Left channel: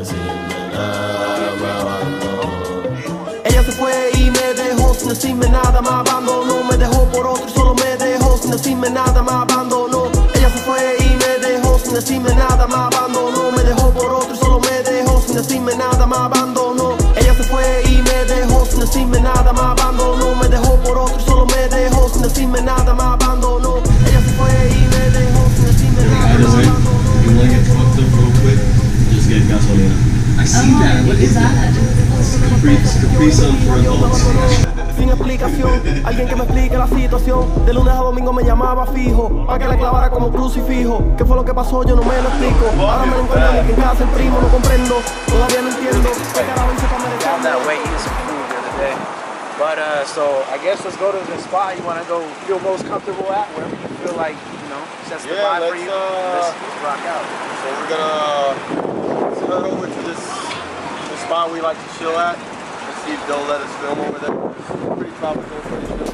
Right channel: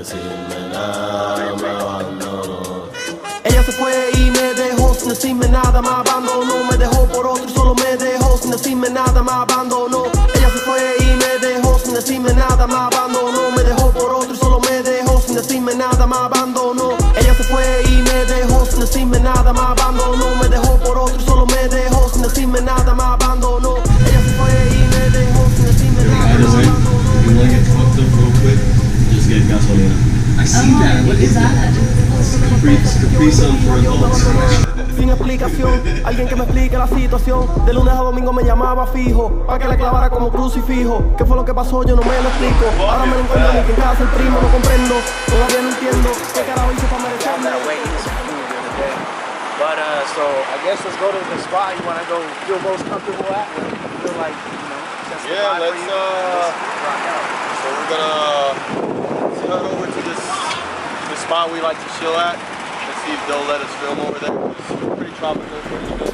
decirme nada, me abandonó. Ella se fue y me dejó sin decirme nada, me abandonó. Me dejó por otro y solo me dejó sin decirme nada, me abandonó. Ella se fue y me dejó sin decirme nada, me abandonó. Me dejó por otro y solo me dejó sin decirme nada, me abandonó. Ella se fue y me dejó sin decirme nada, me abandonó. Me dejó por otro y solo me dejó sin decirme nada, me abandonó. Ella se fue y me dejó sin decirme nada, me abandonó. If you want to get fucked up real quick, just get gasolina. I see that. What is that? Capri Sun for adults. Sin explicación, alguien que me explique la situación. De lunes a domingo me llamaba fijo, pa' que la clavara como crucifijo. ¿Qué fue lo que pasó? Yo no me lo explico. Ahora me lo encuentro ni que en casa el primo, no comprendo. Todavía no entiendo qué carajo hice para merecerme. That way eating some food the other day. But so I guess let's go to the spot you want to go feel most comfortable at, wherever you feel like, you know, sets the vibe for you. Let's rock out. So we're gonna head over to this spot we like to chill at. Let's see if they'll let us film over there. It's pretty tropical, pretty chill.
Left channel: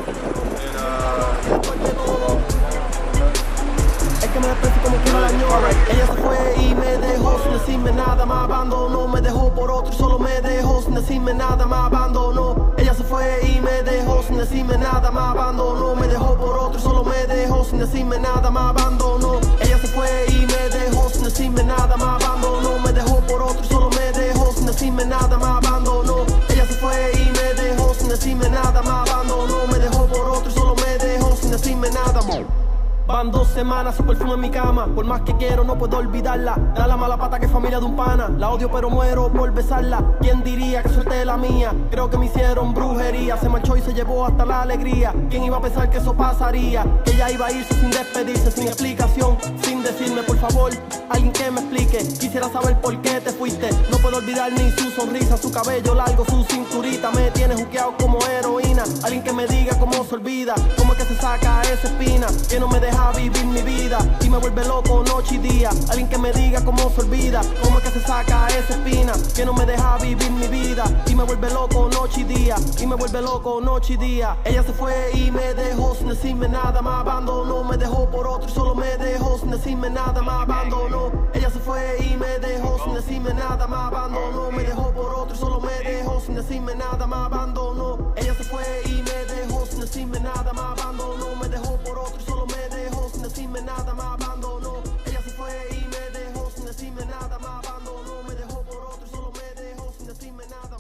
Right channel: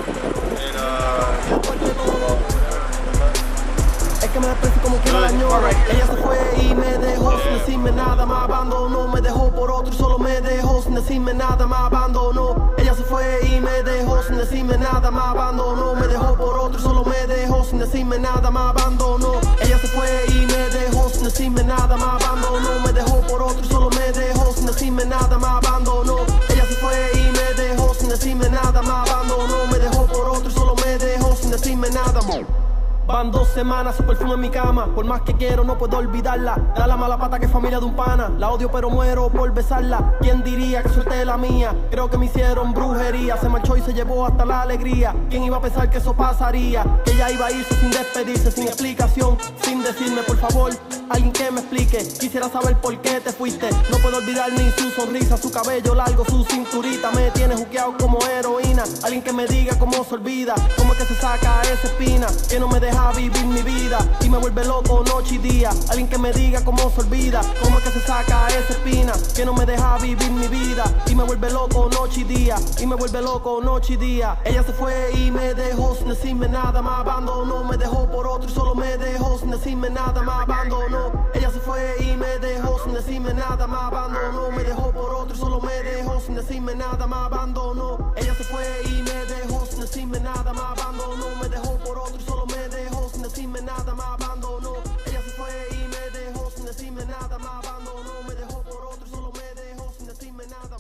And Es que me desprecio como quiera la ñora. Ella se fue y me dejó sin decirme nada, me abandonó. Me dejó por otro y solo me dejó sin decirme nada, me abandonó. Ella se fue y me dejó sin decirme nada, me abandonó. Me dejó por otro y solo me dejó sin decirme nada, me abandonó. Ella se fue y me dejó sin decirme nada, me abandonó. Me dejó por otro y solo me dejó sin decirme nada, me abandonó. Ella se fue y me dejó sin decirme nada, me abandonó. Me dejó por otro y solo me dejó sin decirme nada, Van 2 semanas, su perfume en mi cama. Por más que quiero, no puedo olvidarla. Era la mala pata que es familia de un pana. La odio pero muero por besarla. ¿Quién diría que suerte la mía? Creo que me hicieron brujería. Se marchó y se llevó hasta la alegría. ¿Quién iba a pensar que eso pasaría? Que ella iba a irse sin despedirse, sin explicación, sin decirme por favor, alguien que me explique. Quisiera saber por qué te fuiste. No puedo olvidar ni su sonrisa, su cabello largo, su cinturita. Me tiene juqueado como heroína. Alguien que me diga cómo se olvida, cómo es que se saca esa espina que no me deja vivir mi vida y me vuelve loco noche y día. Alguien que me diga cómo se olvida, cómo es que se saca esa espina que no me deja vivir mi vida y me vuelve loco noche y día, y me vuelve loco noche y día. Ella se fue y me dejó sin decirme nada, me abandonó. Me dejó por otro y solo me dejó sin decirme nada, me abandonó. Ella se fue y me dejó sin decirme nada, me abandonó. Me dejó por otro y solo me dejó sin decirme nada, me abandonó. Ella se fue y me dejó sin decirme nada, me abandonó. Me dejó por otro y solo me dejó sin decirme nada, me abandonó. Ella se fue y me dejó sin decirme nada, me abandonó. Me dejó por otro y solo me dejó sin decirme nada,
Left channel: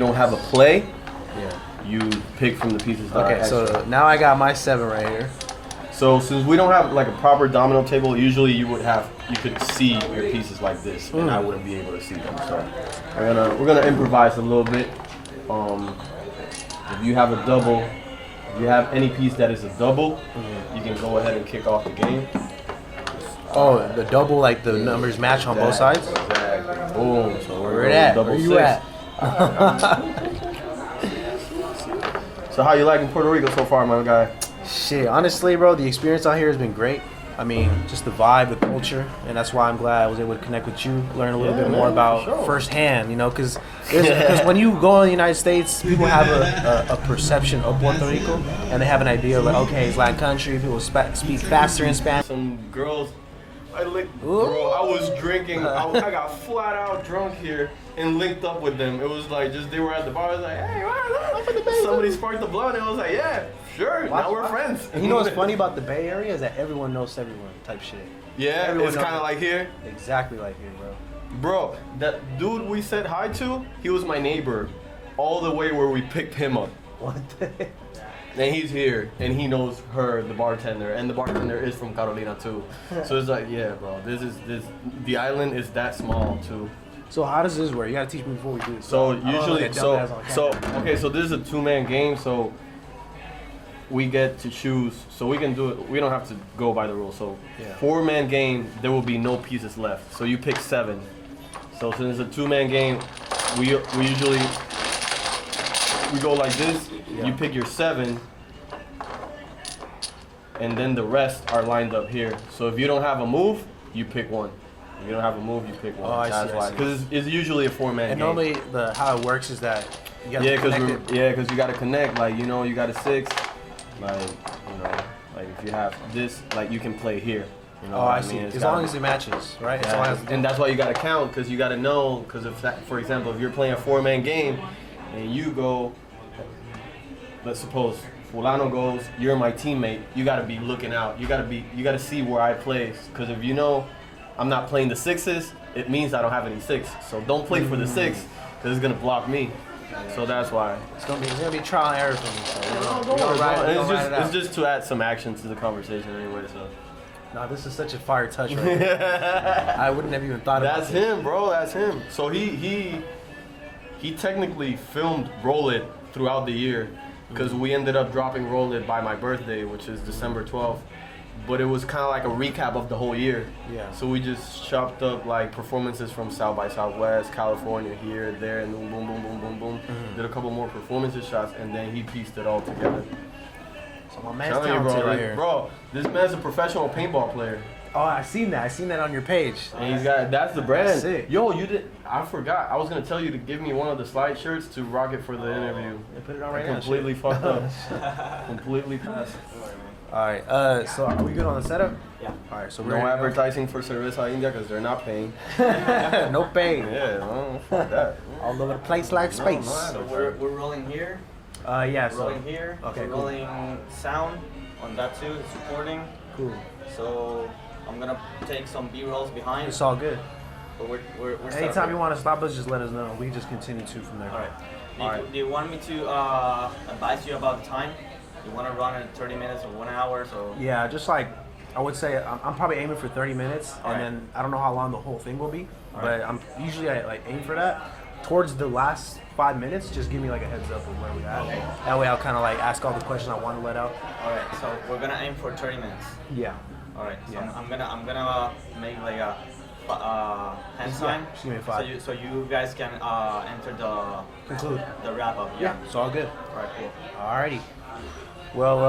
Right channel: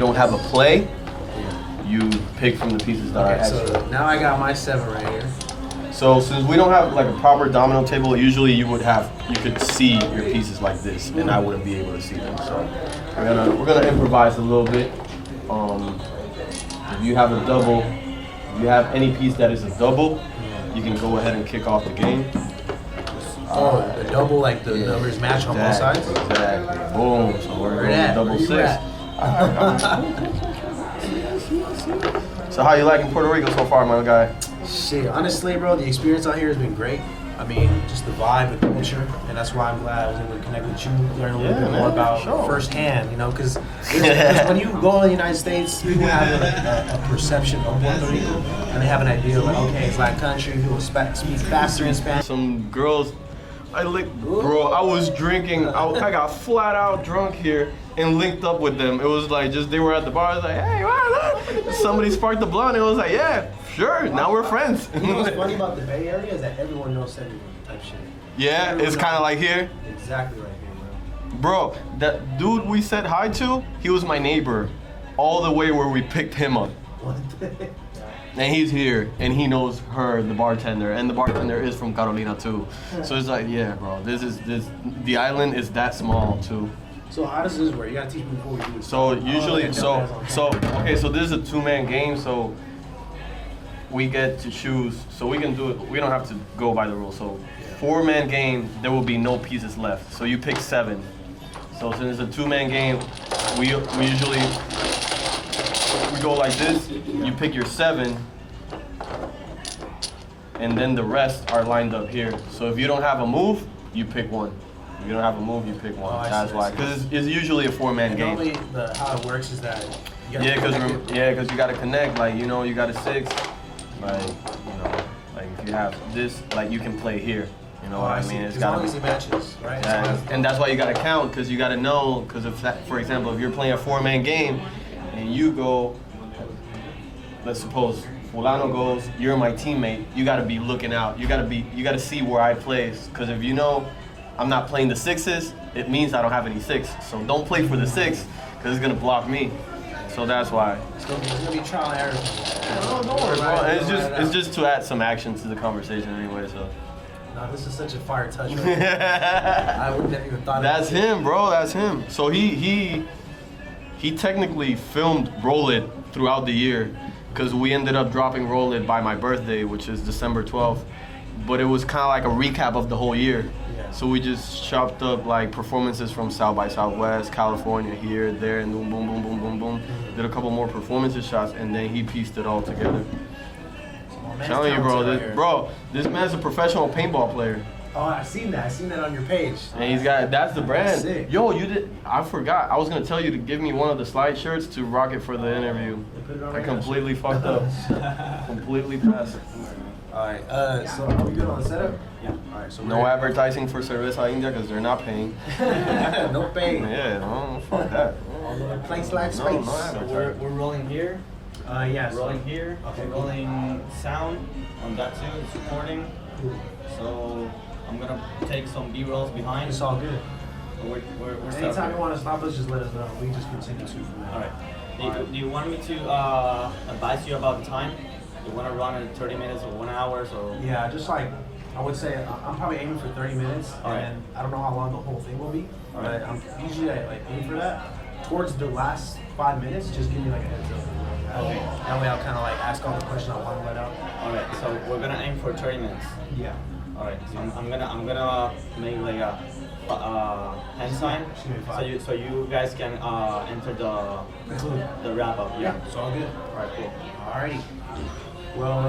don't have a play, you pick from the pieces that are Okay, extra. so now I got my 7 right here. So since we don't have like a proper domino table, usually you could see your pieces like this, and I wouldn't be able to see them. So we're gonna improvise a little bit. If you have a double, if you have any piece that is a double, you can go ahead and kick off the game. The double, like the numbers match on both sides? Exactly. Boom. So we're going at? double Where you 6. at? So how you liking Puerto Rico so far, my guy? Shit, honestly, bro, the experience out here has been great. I mean, just the vibe, the culture, and that's why I'm glad I was able to connect with you, learn a little bit more about firsthand, you know, because when you go to the United States, people have a perception of Puerto Rico, and they have an idea of like, okay, it's Latin country, people speak faster in Spanish. Some girls, bro, I was drinking, I got flat out drunk here and linked up with them. It was like they were at the bar, I was like, hey, what? Somebody sparked the blunt, and I was like, yeah, sure, now we're friends. You know what's funny about the Bay Area is that everyone knows everyone type shit. Yeah, everyone it's kind of like here. Exactly like here, bro. Bro, that dude we said hi to, he was my neighbor all the way where we picked him up. And he's here, and he knows her, the bartender, and the bartender is from Carolina too. So it's like, yeah, bro, the island is that small too. So how does this work? You gotta teach me before we do this. So usually, so this is a 2-man game. So we get to choose. So we can do it. We don't have to go by the rules. So 4-man game, there will be no pieces left. So you pick 7. So since it's a 2-man game, we usually go like this. You pick your 7, and then the rest are lined up here. So if you don't have a move, you pick 1. If you don't have a move, you pick 1. That's why. Because it's usually a 4-man game. Normally, how it works is that you gotta because you got to connect. Like, you know, you got a 6. Like, you know, like if you have this, like you can play here. You know what I mean? As long as it matches, right? And that's why you got to count, because you got to know. Because if, for example, if you're playing a 4-man game and you go, let's suppose Fulano goes, you're my teammate. You got to be looking out. You got to see where I place. Because if you know I'm not playing the 6s, it means I don't have any 6. So don't play for the 6, because it's gonna block me. So that's why. It's gonna be trial and error. No, don't worry, bro. It's just to add some action to the conversation anyway. So. No, this is such a fire touch. I wouldn't have even thought. That's him, bro. That's him. So he technically filmed Roll It throughout the year, because we ended up dropping Roll It by my birthday, which is December 12th. But it was kind of like a recap of the whole year. Yeah. So we just chopped up like performances from South by Southwest, California, here, there, and boom, boom, boom, boom, boom, boom. Did a couple more performances shots, and then he pieced it all together. I'm telling you, bro, this man's a professional paintball player. Oh, I seen that on your page. And he's got, that's the brand. That's yo, I forgot. I was gonna tell you to give me one of the slide shirts to rock it for the interview. I completely fucked up. Completely passed. Alright, so are we good on the setup? Yeah. Alright, so no advertising for Cerveza India, because they're not paying. No pay. Yeah, no, fuck that. Although the place like space. So we're rolling here. Yes. Rolling here. Okay. Rolling sound on that too. It's recording. Cool. So I'm gonna take some B-rolls behind. It's all good. But we're anytime you want to stop us, just let us know. We can just continue to from there. All right. Do you want me to advise you about the time? You want to run in 30 minutes or 1 hour? So yeah, just like I would say, I'm probably aiming for 30 minutes, and then I don't know how long the whole thing will be, but I'm usually I like aim for that. Towards the last 5 minutes, just give me like a heads up of where we're at. Okay. That way I'll kind of like ask all the questions I want to let out. All right, so we're gonna aim for 30 minutes. Yeah. All right, so I'm gonna make like a hand sign. Just give me 5. So you guys can enter the wrap up. Yeah, it's all good. All right, cool. Alrighty. Well,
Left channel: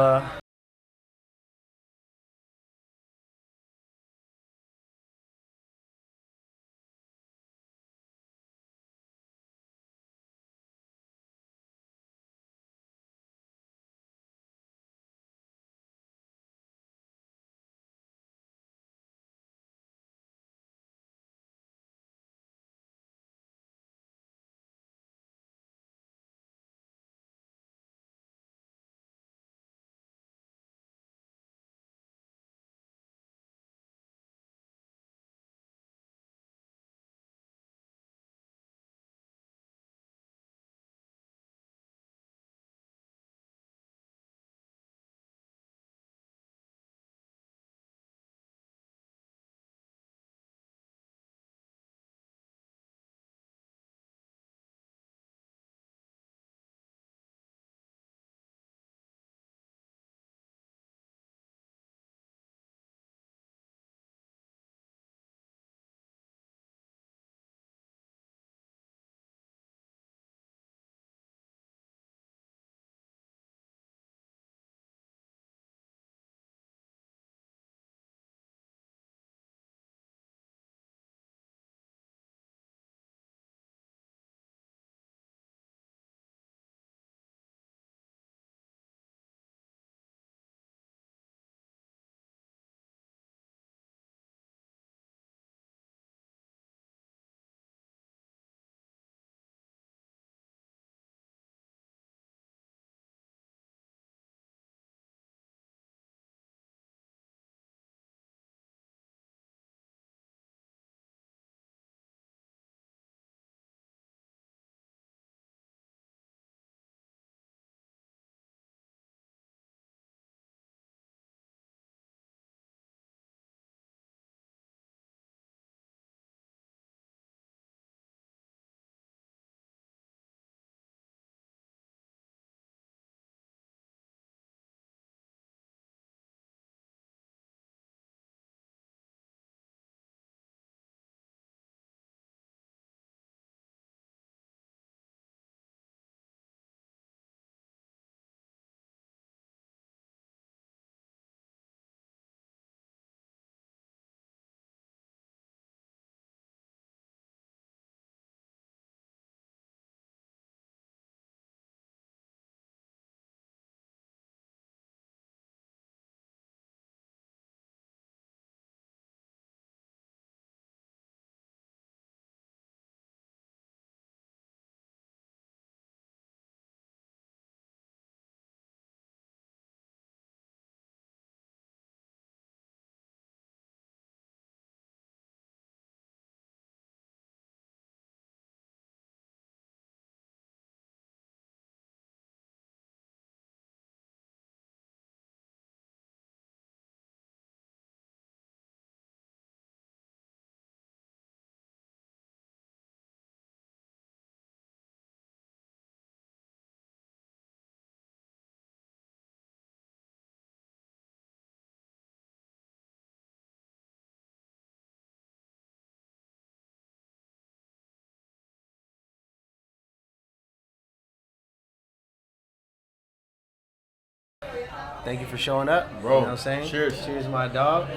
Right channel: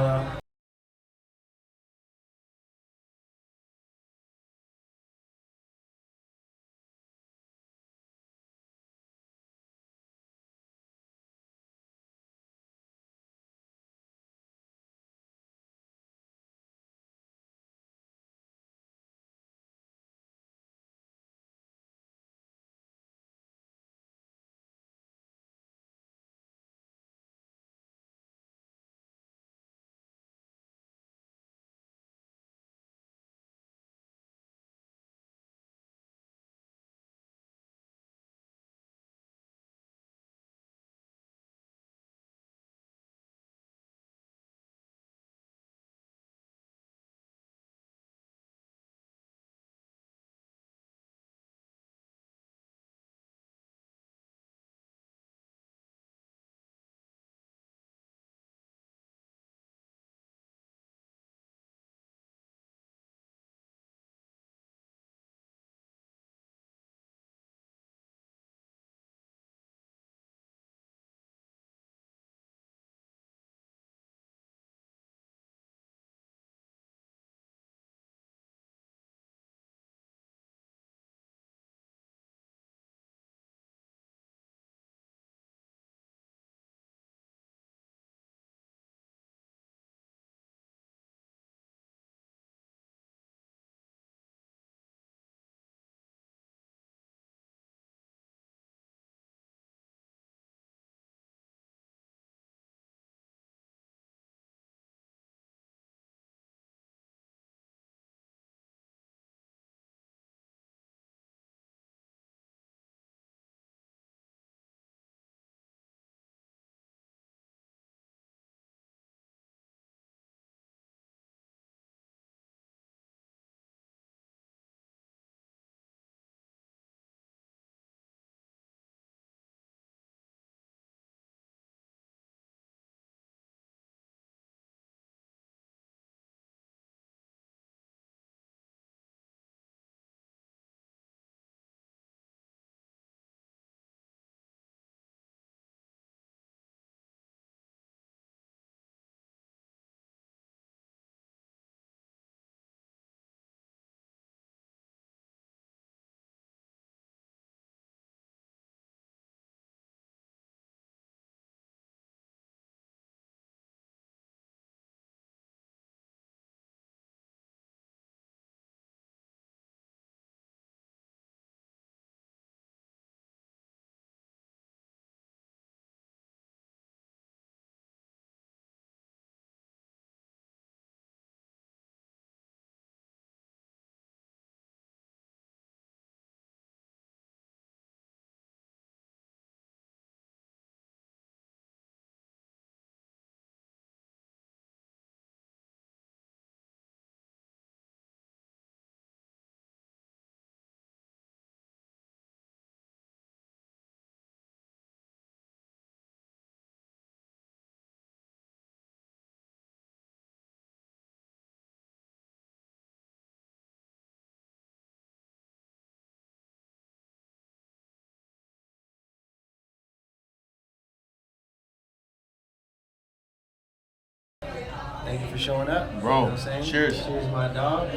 Thank you for showing up. Bro, you know what I'm saying? cheers. Cheers, my dog.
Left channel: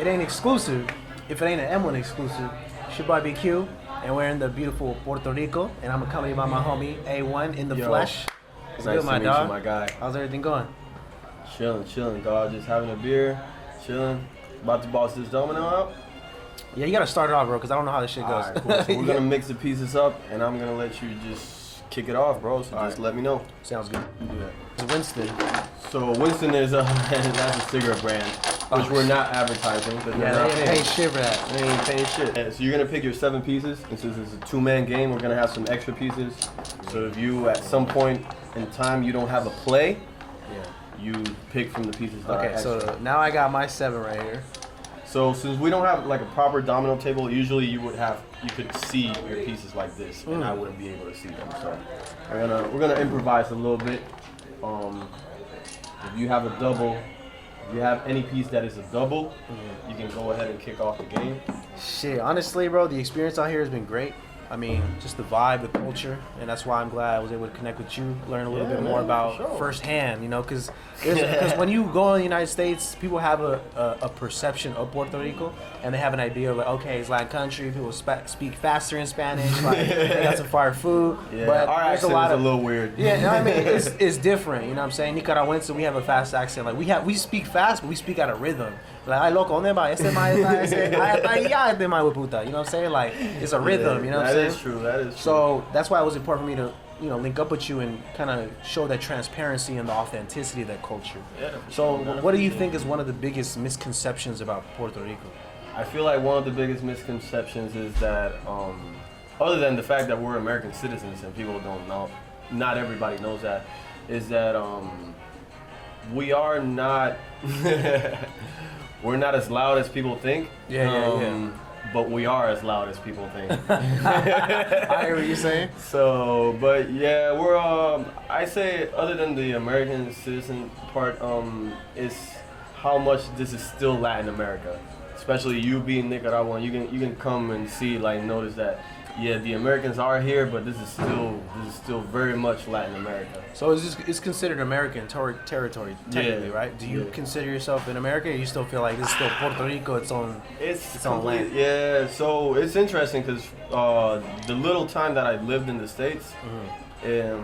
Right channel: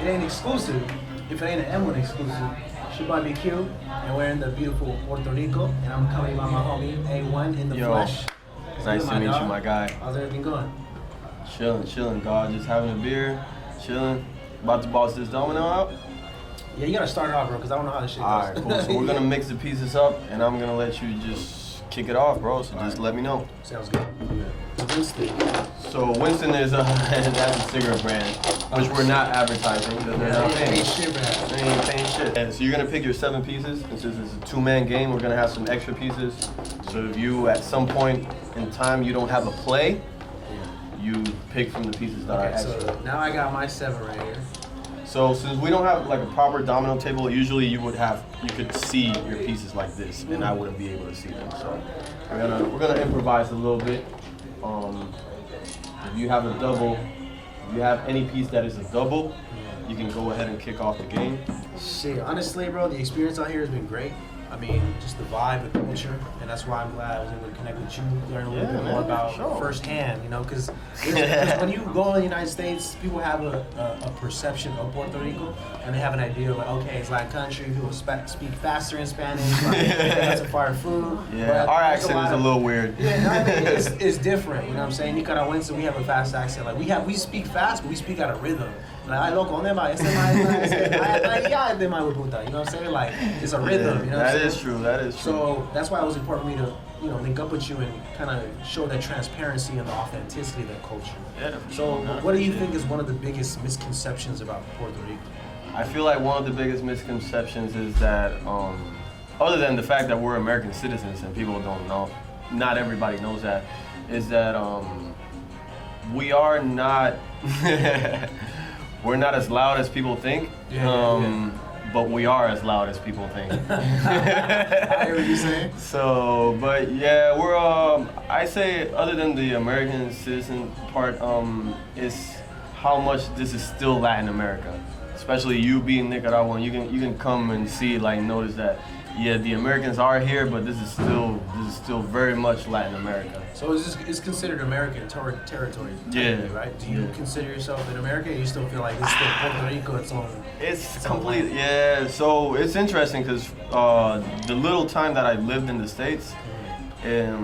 It ain't exclusive. If it ain't an M1 exclusive, it's your boy BQ, and we're in the beautiful Puerto Rico, and I'm accompanied by my homie A1 in the flesh. It's nice to meet you, my guy. How's everything going? Chilling, God. Just having a beer, chilling. About to boss this domino out. Yeah, you gotta start it off, bro, because I don't know how this shit goes. Alright, cool. So we're gonna mix the pieces up, and I'm gonna let you just kick it off, bro. So just let me know. Sounds good. So Winston. So Winston is that's a cigarette brand, which we're not advertising because they're not They paying. ain't shit for that. They ain't paying shit. And so you're gonna pick your 7 pieces, and since it's a 2-man game, we're gonna have some extra pieces. So if you at some point in time you don't have a play, you pick from the pieces that are Okay, extra. so now I got my 7 right here. So since we don't have like a proper domino table, usually you could see your pieces like this, and I wouldn't be able to see them. So we're gonna improvise a little bit. If you have a double, if you have any piece that is a double, you can go ahead and kick off the game. Shit, honestly, bro, the experience out here has been great. I mean, just the vibe, the culture, and that's why I'm glad I was able to connect with you, learn a little bit more about firsthand, you know, because when you go to the United States, people have a perception of Puerto Rico, and they have an idea of like, okay, it's Latin country, people speak faster in Spanish, like, they got some fire food. Yeah, but our there's accent is a little weird. Yeah, no, I mean, it's different, you know what I'm saying? Nicaraguense, we have a fast accent. Like, we speak fast, but we speak out of rhythm. Like, ay, loco, ¿dónde va? Este ma es allá, este ma puta. You know what I'm saying? Like, it's a rhythm, you know what I'm saying? That is true. So that's why it was important for me to, you know, link up with you and kind of show that transparency and the authenticity of that culture. Yeah. So what do you think is one of the biggest misconceptions about Puerto Rico? I feel like one of the biggest misconceptions is that, other than the fact that we're American citizens and people don't know, not everybody knows that, is that we are not, we're not as loud as people think. But we are as loud as people think. I hear what you're saying. So, but yeah, we're I say other than the American citizen part, is how much this is still Latin America. Especially you being Nicaraguan, you can come and see, like, notice that, yeah, the Americans are here, but this is still very much Latin America. So it's considered American territory, technically, right? Do you consider yourself in America, or you still feel like this is still Puerto Rico, its own complete, land? yeah. So it's interesting because the little time that I lived in the States, I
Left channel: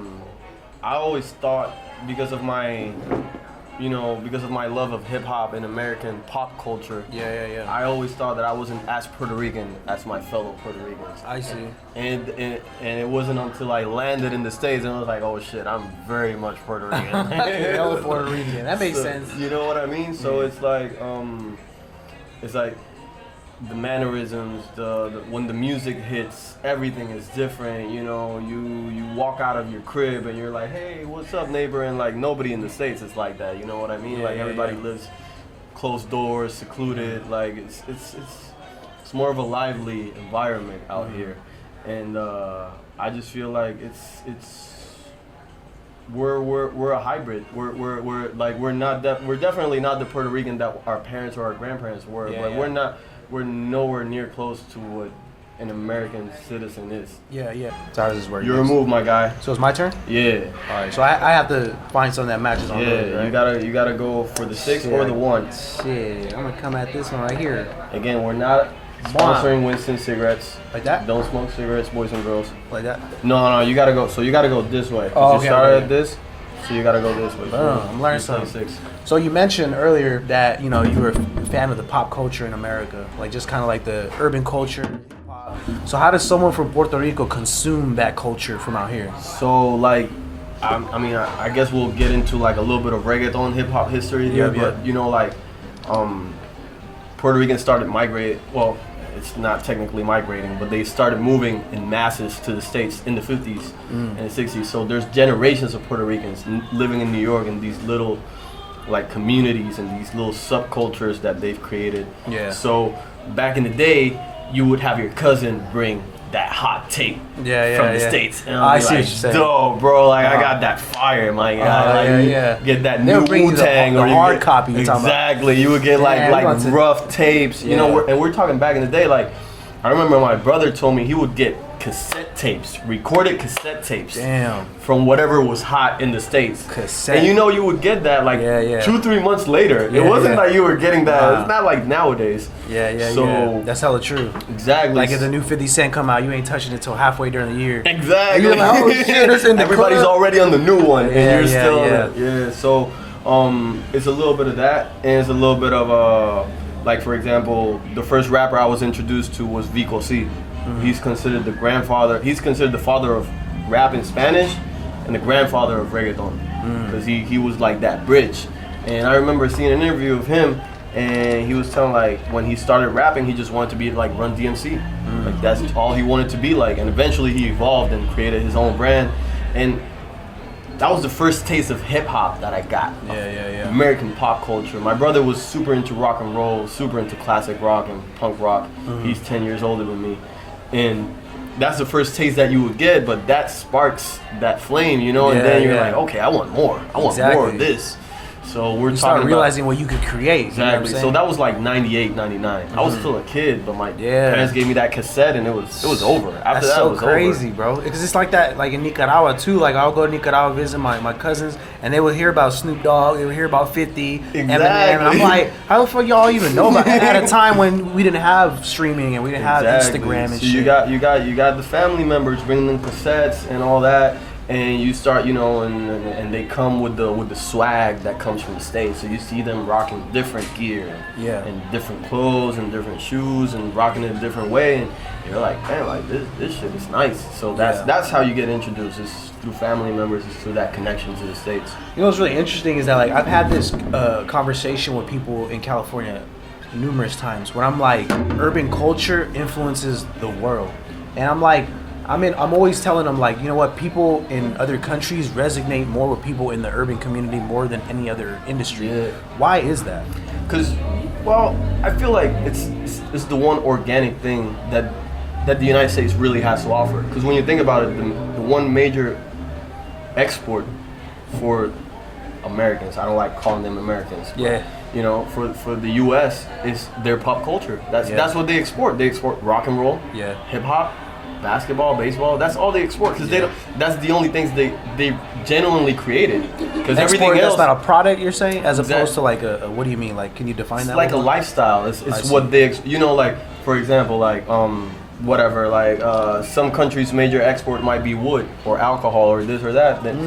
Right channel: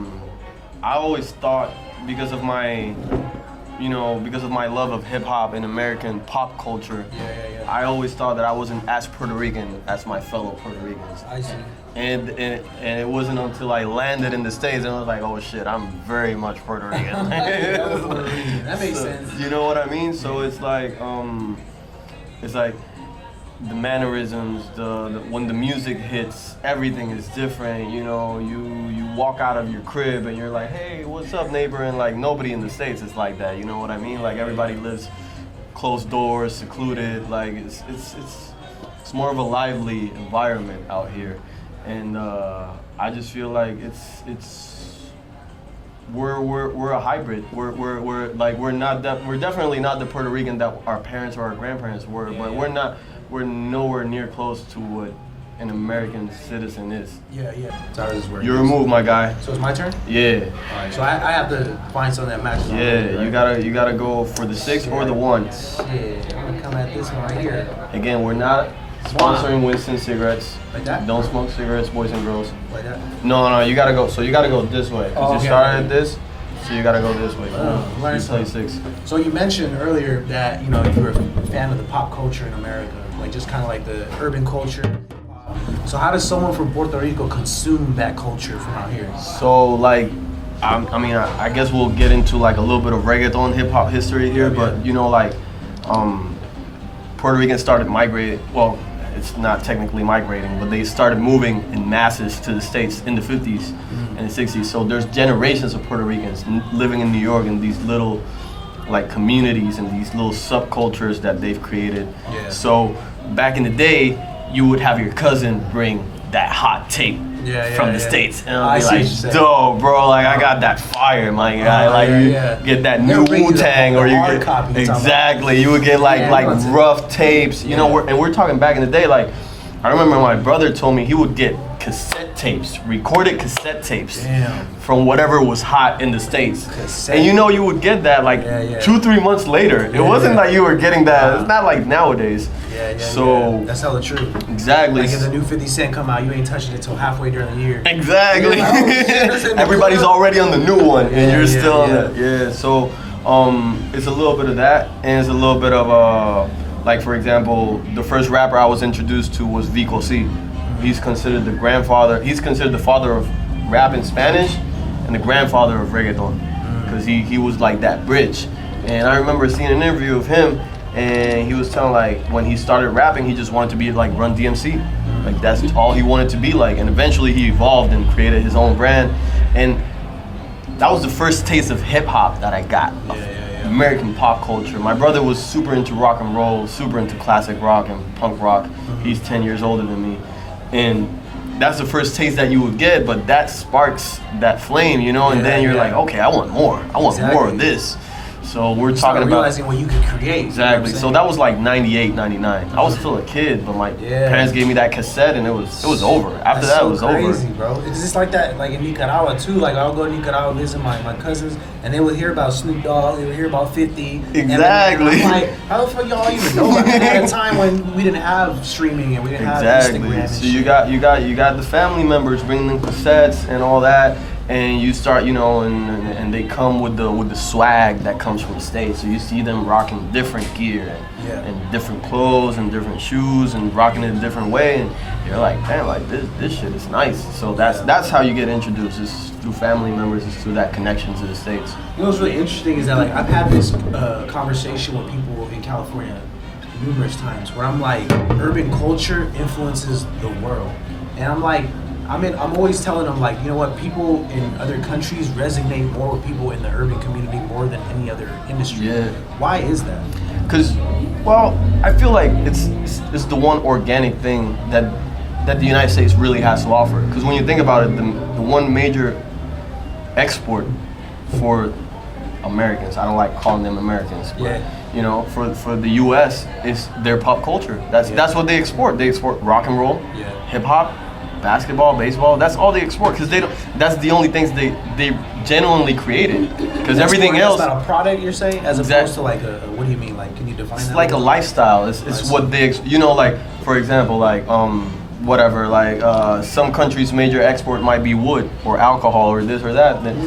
always thought, because of my love of hip hop and American pop culture, I always thought that I wasn't as Puerto Rican as my fellow Puerto Ricans. I see. And it wasn't until I landed in the States and I was like, oh shit, I'm very much Puerto Rican. Puerto Rican. That makes sense. You know what I mean? So it's like the mannerisms, when the music hits, everything is different. You know, you walk out of your crib and you're like, hey, what's up, neighbor? And like nobody in the States is like that. You know what I mean? Like everybody lives closed doors, secluded. Like it's more of a lively environment out here, and I just feel like we're a hybrid. We're definitely not the Puerto Rican that our parents or our grandparents were, but we're nowhere near close to what an American citizen is. Yeah. So how does this work? Your move, my guy. So it's my turn? Yeah. All right. So I have to find something that matches. Yeah, right? you gotta go for the 6 or the 1. Shit, I'm gonna come at this one right here. Again, we're not sponsoring Winston cigarettes. Like that? Don't smoke cigarettes, boys and girls. Like that? No, you gotta go. So you gotta go this way. You started at this, so you gotta go this way. I'm learning play something. 6. So you mentioned earlier that, you know, you were a fan of the pop culture in America, like just kind of like the urban culture. So how does someone from Puerto Rico consume that culture from out here? So like, I guess we'll get into like a little bit of reggaeton hip hop history here, but you know, like, Puerto Ricans started migrating. Well, it's not technically migrating, but they started moving in masses to the States in the 50s and the 60s. So there's generations of Puerto Ricans living in New York in these little like communities and these little subcultures that they've created. Yeah. So back in the day, you would have your cousin bring that hot tape from the States, and I'll be like, "Dope, bro! Like I got that fire, my guy! Like get that new Wu-Tang, or you get copy. Exactly, you would get like rough tapes, you know. We're talking back in the day. Like I remember my brother told me he would get cassette tapes, recorded cassette tapes. Damn. From whatever was hot in the States. Cassette. And you know you would get that like 2-3 months later. It wasn't like you were getting that. Wow. It's not like nowadays. So that's hella true. Exactly. Like if the new 50 Cent come out, you ain't touching it till halfway during the year. Exactly. Like, oh, shit, it's in the Everybody's club. already on the new one, and you're still on yeah. it. Yeah. So it's a little bit of that, and it's a little bit of like for example, the first rapper I was introduced to was Vico C. He's considered the grandfather. He's considered the father of rap in Spanish, and the grandfather of reggaeton, because he was like that bridge. And I remember seeing an interview of him, and he was telling like when he started rapping, he just wanted to be like Run DMC. Like that's all he wanted to be like, and eventually he evolved and created his own brand. And that was the first taste of hip hop that I got. American pop culture. My brother was super into rock and roll, super into classic rock and punk rock. He's 10 years older than me. And that's the first taste that you would get, but that sparks that flame, you know, and then you're like, okay, I want more. I want more of this. So we're talking about realizing what you could create. Exactly. So that was like 98, 99. I was still a kid, but my parents gave me that cassette, and it was over. After that, it was crazy, over. Bro. It's just like that, like in Nicaragua too. Like I'll go to Nicaragua visit my cousins, and they would hear about Snoop Dogg, they would hear about 50. Exactly. Eminem. I'm like, how the fuck y'all even know about that at a time when we didn't have streaming and we didn't have Instagram and so shit. you got the family members bringing them cassettes and all that. And you start, you know, and they come with the swag that comes from the States. So you see them rocking different gear and different clothes and different shoes and rocking it a different way. And you're like, man, like this shit is nice. So that's how you get introduced. It's through family members. It's through that connection to the States. You know what's really interesting is that like I've had this conversation with people in California numerous times where I'm like, urban culture influences the world, and I'm like. I'm always telling them like, you know what, people in other countries resonate more with people in the urban community more than any other industry. Yeah. Why is that? Because, well, I feel like it's the one organic thing that the United States really has to offer. Because when you think about it, the one major export for Americans, I don't like calling them Americans, but you know, for the U.S. is their pop culture. That's what they export. They export rock and roll, hip hop, basketball, baseball. That's all they export because they don't. That's the only things they genuinely created. Because everything else. That's not a product, you're saying, as opposed to like a. What do you mean? Like, can you define that? It's like a lifestyle. It's what they. You know, like for example, like whatever. Like some countries' major export might be wood or alcohol or this or that. Then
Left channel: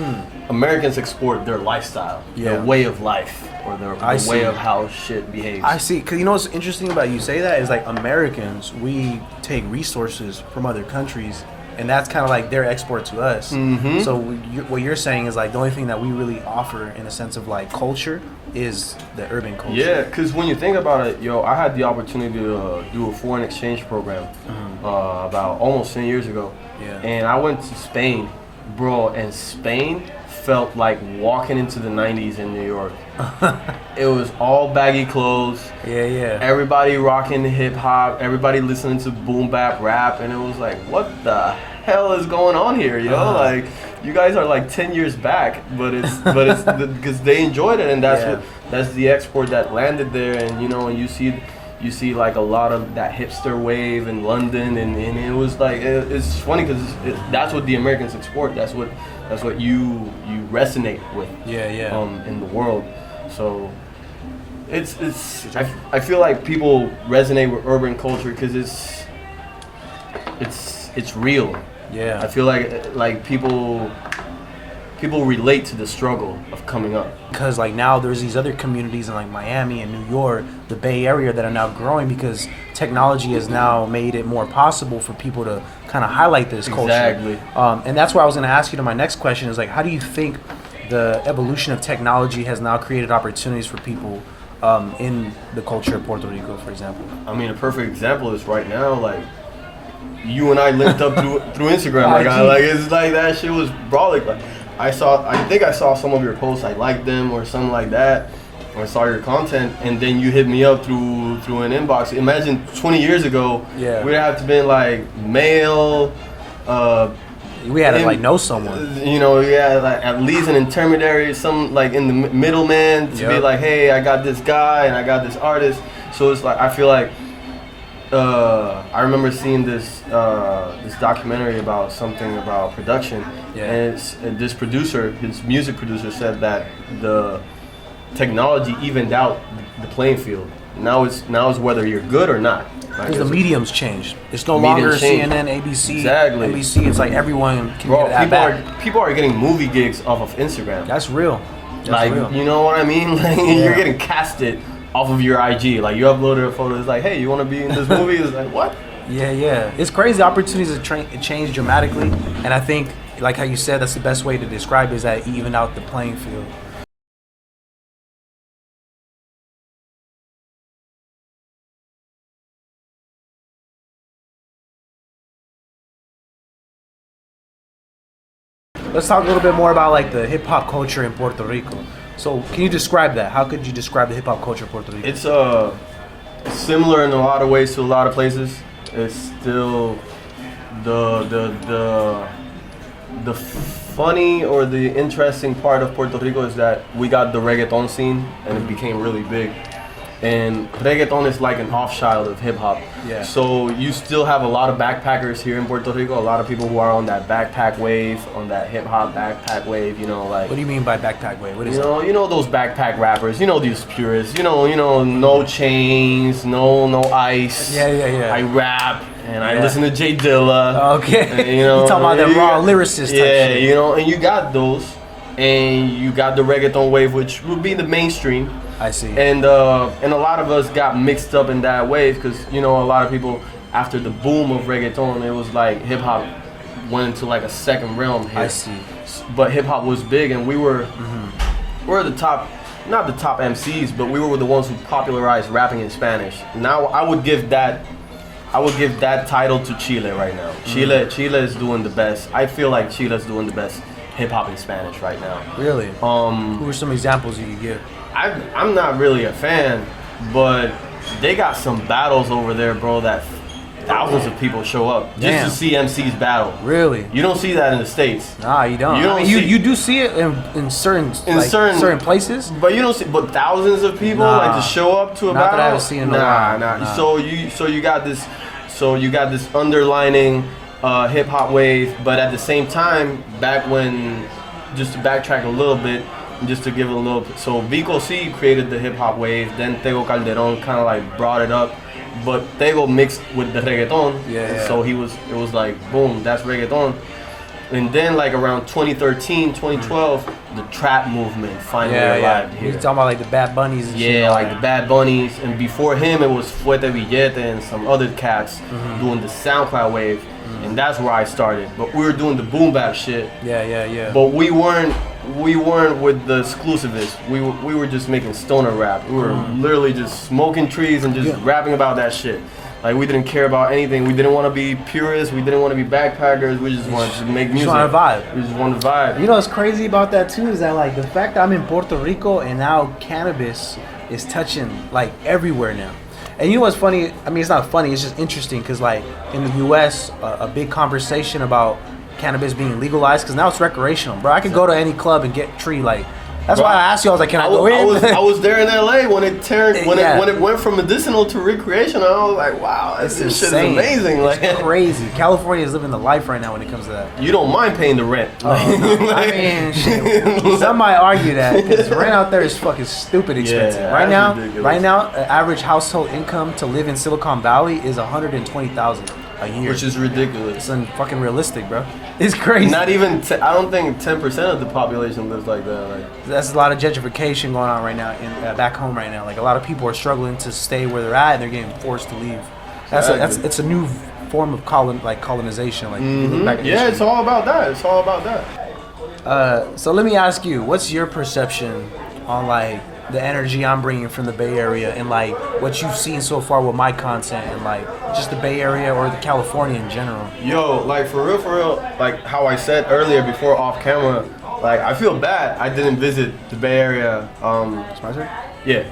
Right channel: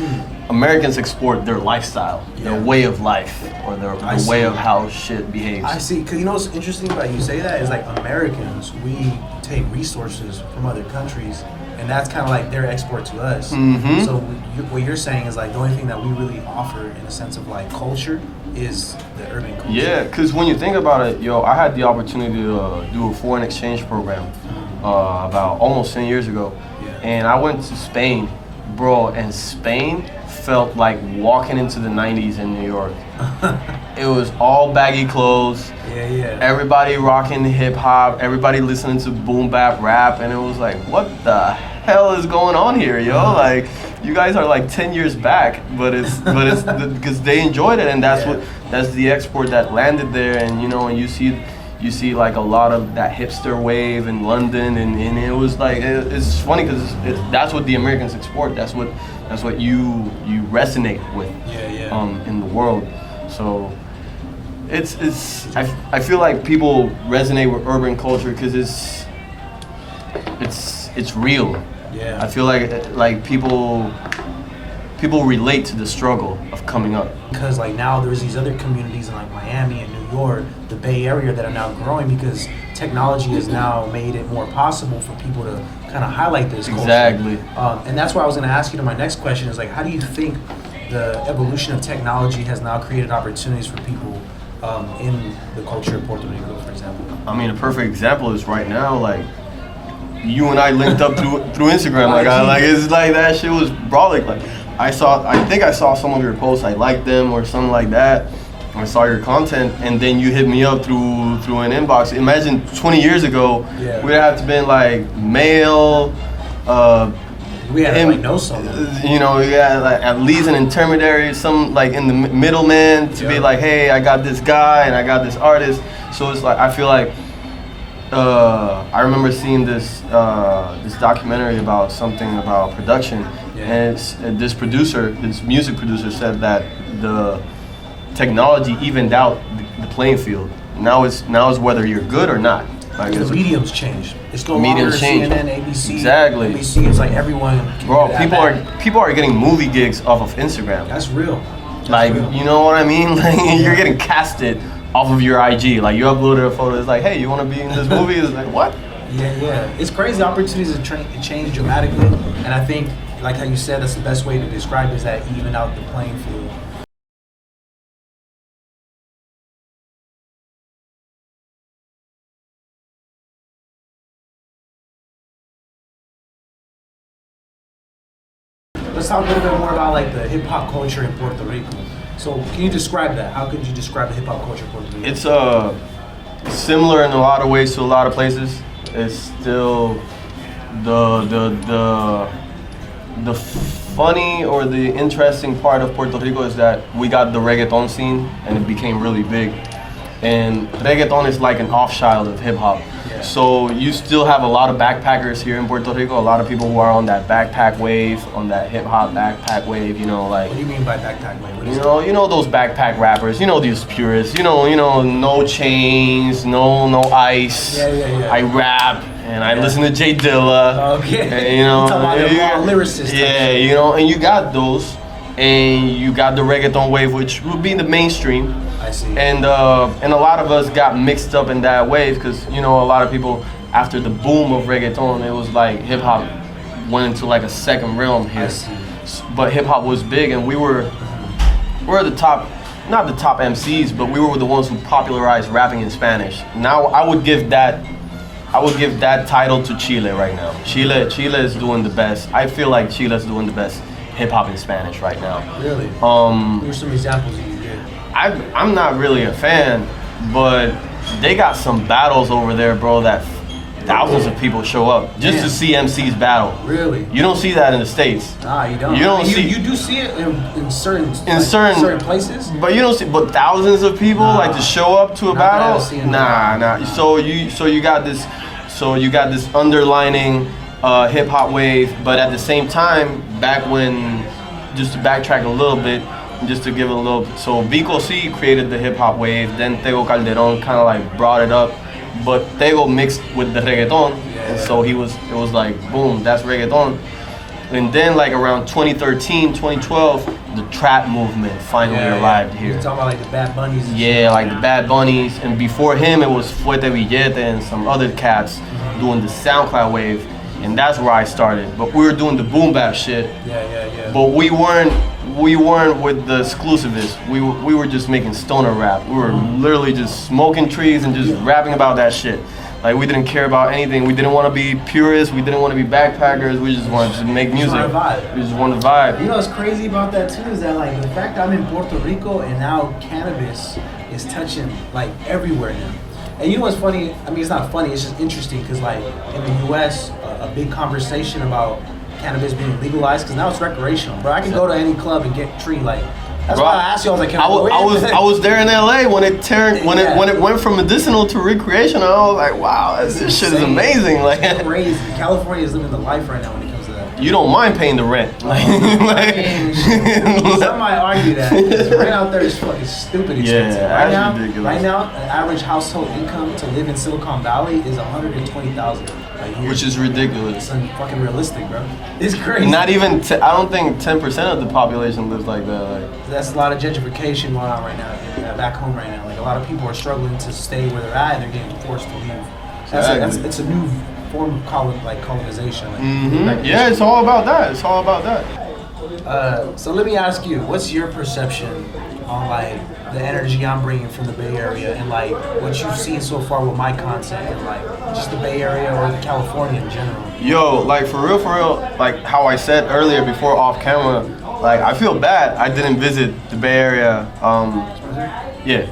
Americans export their lifestyle, their way of life, or their way of how shit behaves. I see. Cause you know what's interesting about you say that is like Americans, we take resources from other countries, and that's kind of like their export to us. So what you're saying is like the only thing that we really offer in a sense of like culture is the urban culture. Yeah, because when you think about it, I had the opportunity to do a foreign exchange program about almost 10 years ago, and I went to Spain, bro, and Spain felt like walking into the 90s in New York. It was all baggy clothes. Everybody rocking hip hop. Everybody listening to boom bap rap, and it was like, what the hell is going on here, yo? Like, you guys are like 10 years back, but it's because they enjoyed it, and that's the export that landed there, and and you see like a lot of that hipster wave in London, and it was like it's funny because that's what the Americans export. That's what you resonate with in the world. So I feel like people resonate with urban culture because it's real. I feel like people relate to the struggle of coming up. Because like now there's these other communities in like Miami and New York, the Bay Area, that are now growing because technology has now made it more possible for people to kind of highlight this culture. Exactly. And that's why I was going to ask you to my next question is like, how do you think the evolution of technology has now created opportunities for people in the culture of Puerto Rico, for example? I mean, a perfect example is right now, like, you and I linked up through Instagram. Like it's like that shit was brolic. Like I think I saw some of your posts. I liked them or something like that. I saw your content, and then you hit me up through an inbox. Imagine 20 years ago, we'd have to been like mail. We had to like know someone. Like at least an intermediary, some like in the middleman to be like, hey, I got this guy and I got this artist. So it's like I feel like I remember seeing this this documentary about something about production, and this producer, his music producer, said that the technology evened out the playing field. Now it's whether you're good or not. Like the mediums changed. It's no longer CNN, ABC, NBC. It's like everyone can people are getting movie gigs off of Instagram. That's real. That's real. You know what I mean? Like you're getting casted off of your IG. Like you uploaded a photo. It's like, hey, you want to be in this movie? It's like, what? Yeah. It's crazy. Opportunities have changed dramatically, and I think, like how you said, that's the best way to describe it, is that even out the playing field. Let's talk a little bit more about like the hip hop culture in Puerto Rico. So can you describe that? How could you describe the hip hop culture in Puerto Rico? It's similar in a lot of ways to a lot of places. It's still the funny or the interesting part of Puerto Rico is that we got the reggaeton scene and it became really big. And reggaeton is like an offshoot of hip hop. Yeah. So you still have a lot of backpackers here in Puerto Rico, a lot of people who are on that backpack wave, on that hip hop backpack wave, you know, like. What do you mean by backpack wave? What is you know those backpack rappers, you know these purists, you know, no chains, no ice. Yeah. I rap and I listen to J Dilla. Okay. And, you know, you talking about the raw lyricist. Yeah, you know, and you got those, and you got the reggaeton wave, which would be the mainstream. I see. And a lot of us got mixed up in that wave because, you know, a lot of people, after the boom of reggaeton, it was like hip hop went into like a second realm here. I see. But hip hop was big, and we're the top, not the top MCs, but we were the ones who popularized rapping in Spanish. Now I would give that title to Chile right now. Chile is doing the best. I feel like Chile is doing the best hip hop in Spanish right now. Really? Who are some examples you can give? I'm not really a fan, but they got some battles over there, bro, that thousands of people show up just to see MCs battle. Really? You don't see that in the States. Nah, you don't. You do see it in certain places, but you don't see. But thousands of people like to show up to a battle. Nah. So you got this underlining hip hop wave, but at the same time, back when, just to backtrack a little bit. Just to give it a little, so Vico C created the hip hop wave, then Tego Calderon kind of like brought it up, but Tego mixed with the reggaeton, and so it was like, boom, that's reggaeton. And then like around 2013, 2012, the trap movement finally arrived here. You're talking about like the Bad Bunnies and shit. Like the Bad Bunnies, and before him it was Fuerte Billete and some other cats doing the SoundCloud wave. And that's where I started. But we were doing the boom bap shit. Yeah. But we weren't with the exclusivists. We were just making stoner rap. We were literally just smoking trees and just rapping about that shit. Like we didn't care about anything. We didn't want to be purists. We didn't want to be backpackers. We just wanted to make music. We just wanted to vibe. You know what's crazy about that too is that like the fact that I'm in Puerto Rico and now cannabis is touching like everywhere now. And you know what's funny? I mean, it's not funny. It's just interesting because, like, in the U.S., a big conversation about cannabis being legalized because now it's recreational, bro. I can go to any club and get tree. Like, that's why I asked you. I was like, can I go in? I was there in L.A. when it went from medicinal to recreational. I was like, wow, this shit is amazing. Like, it's crazy. California is living the life right now when it comes to that. You don't mind paying the rent. I mean, some might argue that because rent out there is fucking stupid expensive. Yeah, right now, an average household income to live in Silicon Valley is $120,000 a year. Which is ridiculous. It's fucking realistic, bro. It's crazy. Not even. I don't think 10% of the population lives like that. Like, that's a lot of gentrification going on right now back home right now. Like a lot of people are struggling to stay where they're at and they're getting forced to leave. It's a new form of colonization. Like yeah, it's all about that. So let me ask you, what's your perception on like the energy I'm bringing from the Bay Area and like what you've seen so far with my content and like just the Bay Area or California in general? Yo, like for real, like how I said earlier before off camera, like I feel bad I didn't visit the Bay Area. Yeah.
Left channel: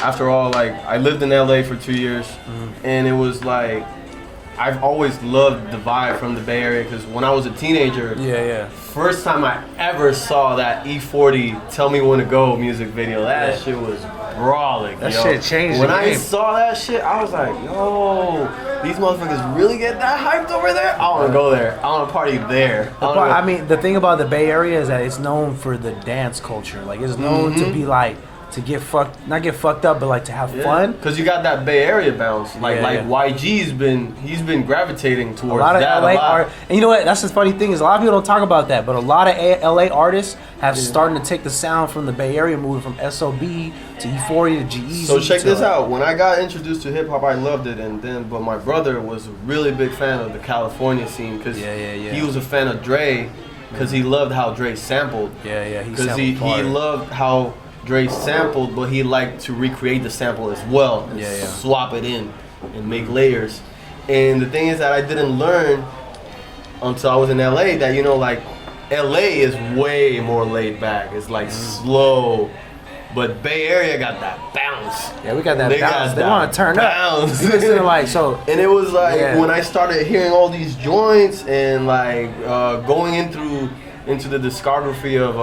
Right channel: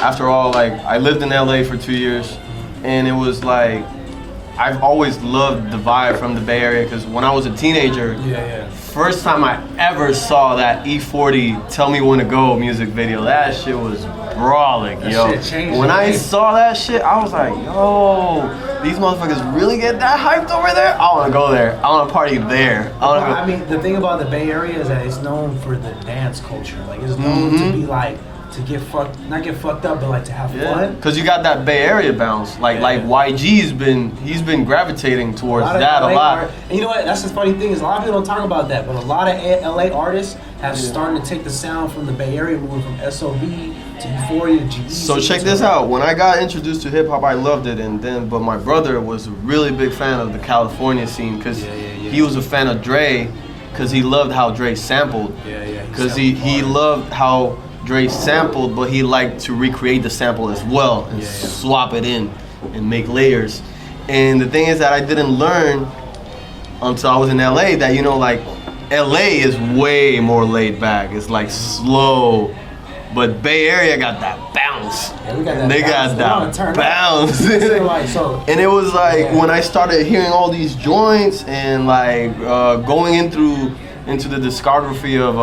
After all, like I lived in LA for 2 years, and it was like I've always loved the vibe from the Bay Area because when I was a teenager, first time I ever saw that E40 Tell Me When to Go music video, that shit was brawling, that yo. Shit changed when I saw that shit, I was like, yo, these motherfuckers really get that hyped over there? I want to go there. I want to party there. I mean, the thing about the Bay Area is that it's known for the dance culture. Like, it's known to be like, to get not get fucked up, but like to have fun. Cause you got that Bay Area bounce, like YG's he's been gravitating towards that a lot. And you know what? That's the funny thing is a lot of people don't talk about that, but a lot of LA artists have started to take the sound from the Bay Area, moving from SOB to Euphoria to GE. So check this out. When I got introduced to hip hop, I loved it, but my brother was a really big fan of the California scene, cause he was a fan of Dre, cause he loved how Dre sampled. Cause he loved how Dre sampled, but he liked to recreate the sample as well and swap it in and make layers. And the thing is that I didn't learn until I was in LA that, you know, like LA is way more laid back. It's like slow. But Bay Area got that bounce. Yeah, we got that they bounce. got that bounce. And it was like when I started hearing all these joints and like going into the discography of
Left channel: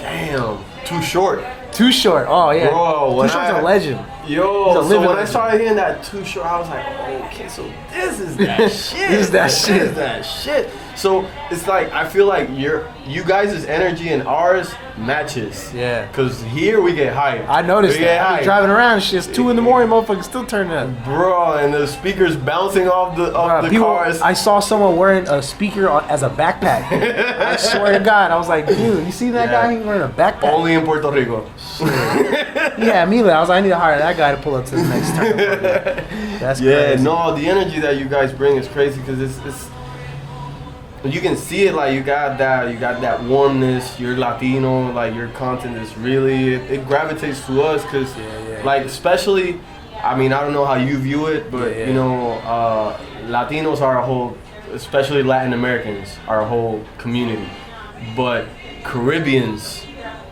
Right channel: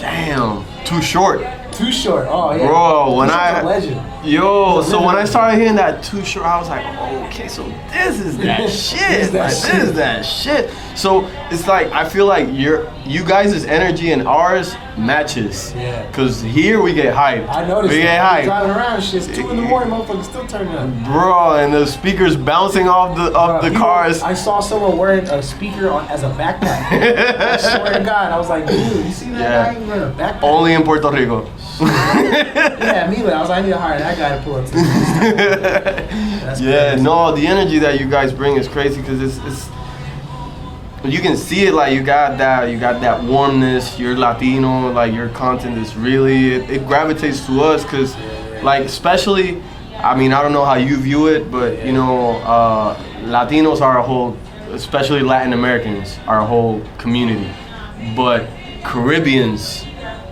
damn, Too Short. Too Short. Oh yeah. Bro, when a legend. So when I started hearing that Too Short, I was like, okay, so this is that shit. This is that shit. So it's like I feel like you guys' energy and ours matches. Yeah. Cause here we get hyped. I noticed. We get hyped. Driving around, shit's 2 in the morning, motherfuckers still turning up. Bro, and the speakers bouncing off the cars. I saw someone wearing a speaker as a backpack. I swear to God, I was like, dude, you see that guy wearing a backpack? Only in Puerto Rico. Yeah, immediately I was like, I need to hire that guy to pull up to the next time. That's crazy. No, the energy that you guys bring is crazy because it's you can see it, like you got that warmness. You're Latino, like your content is really it gravitates to us because like especially, I mean I don't know how you view it, but you know Latinos are a whole, especially Latin Americans are a whole community, but Caribbeans,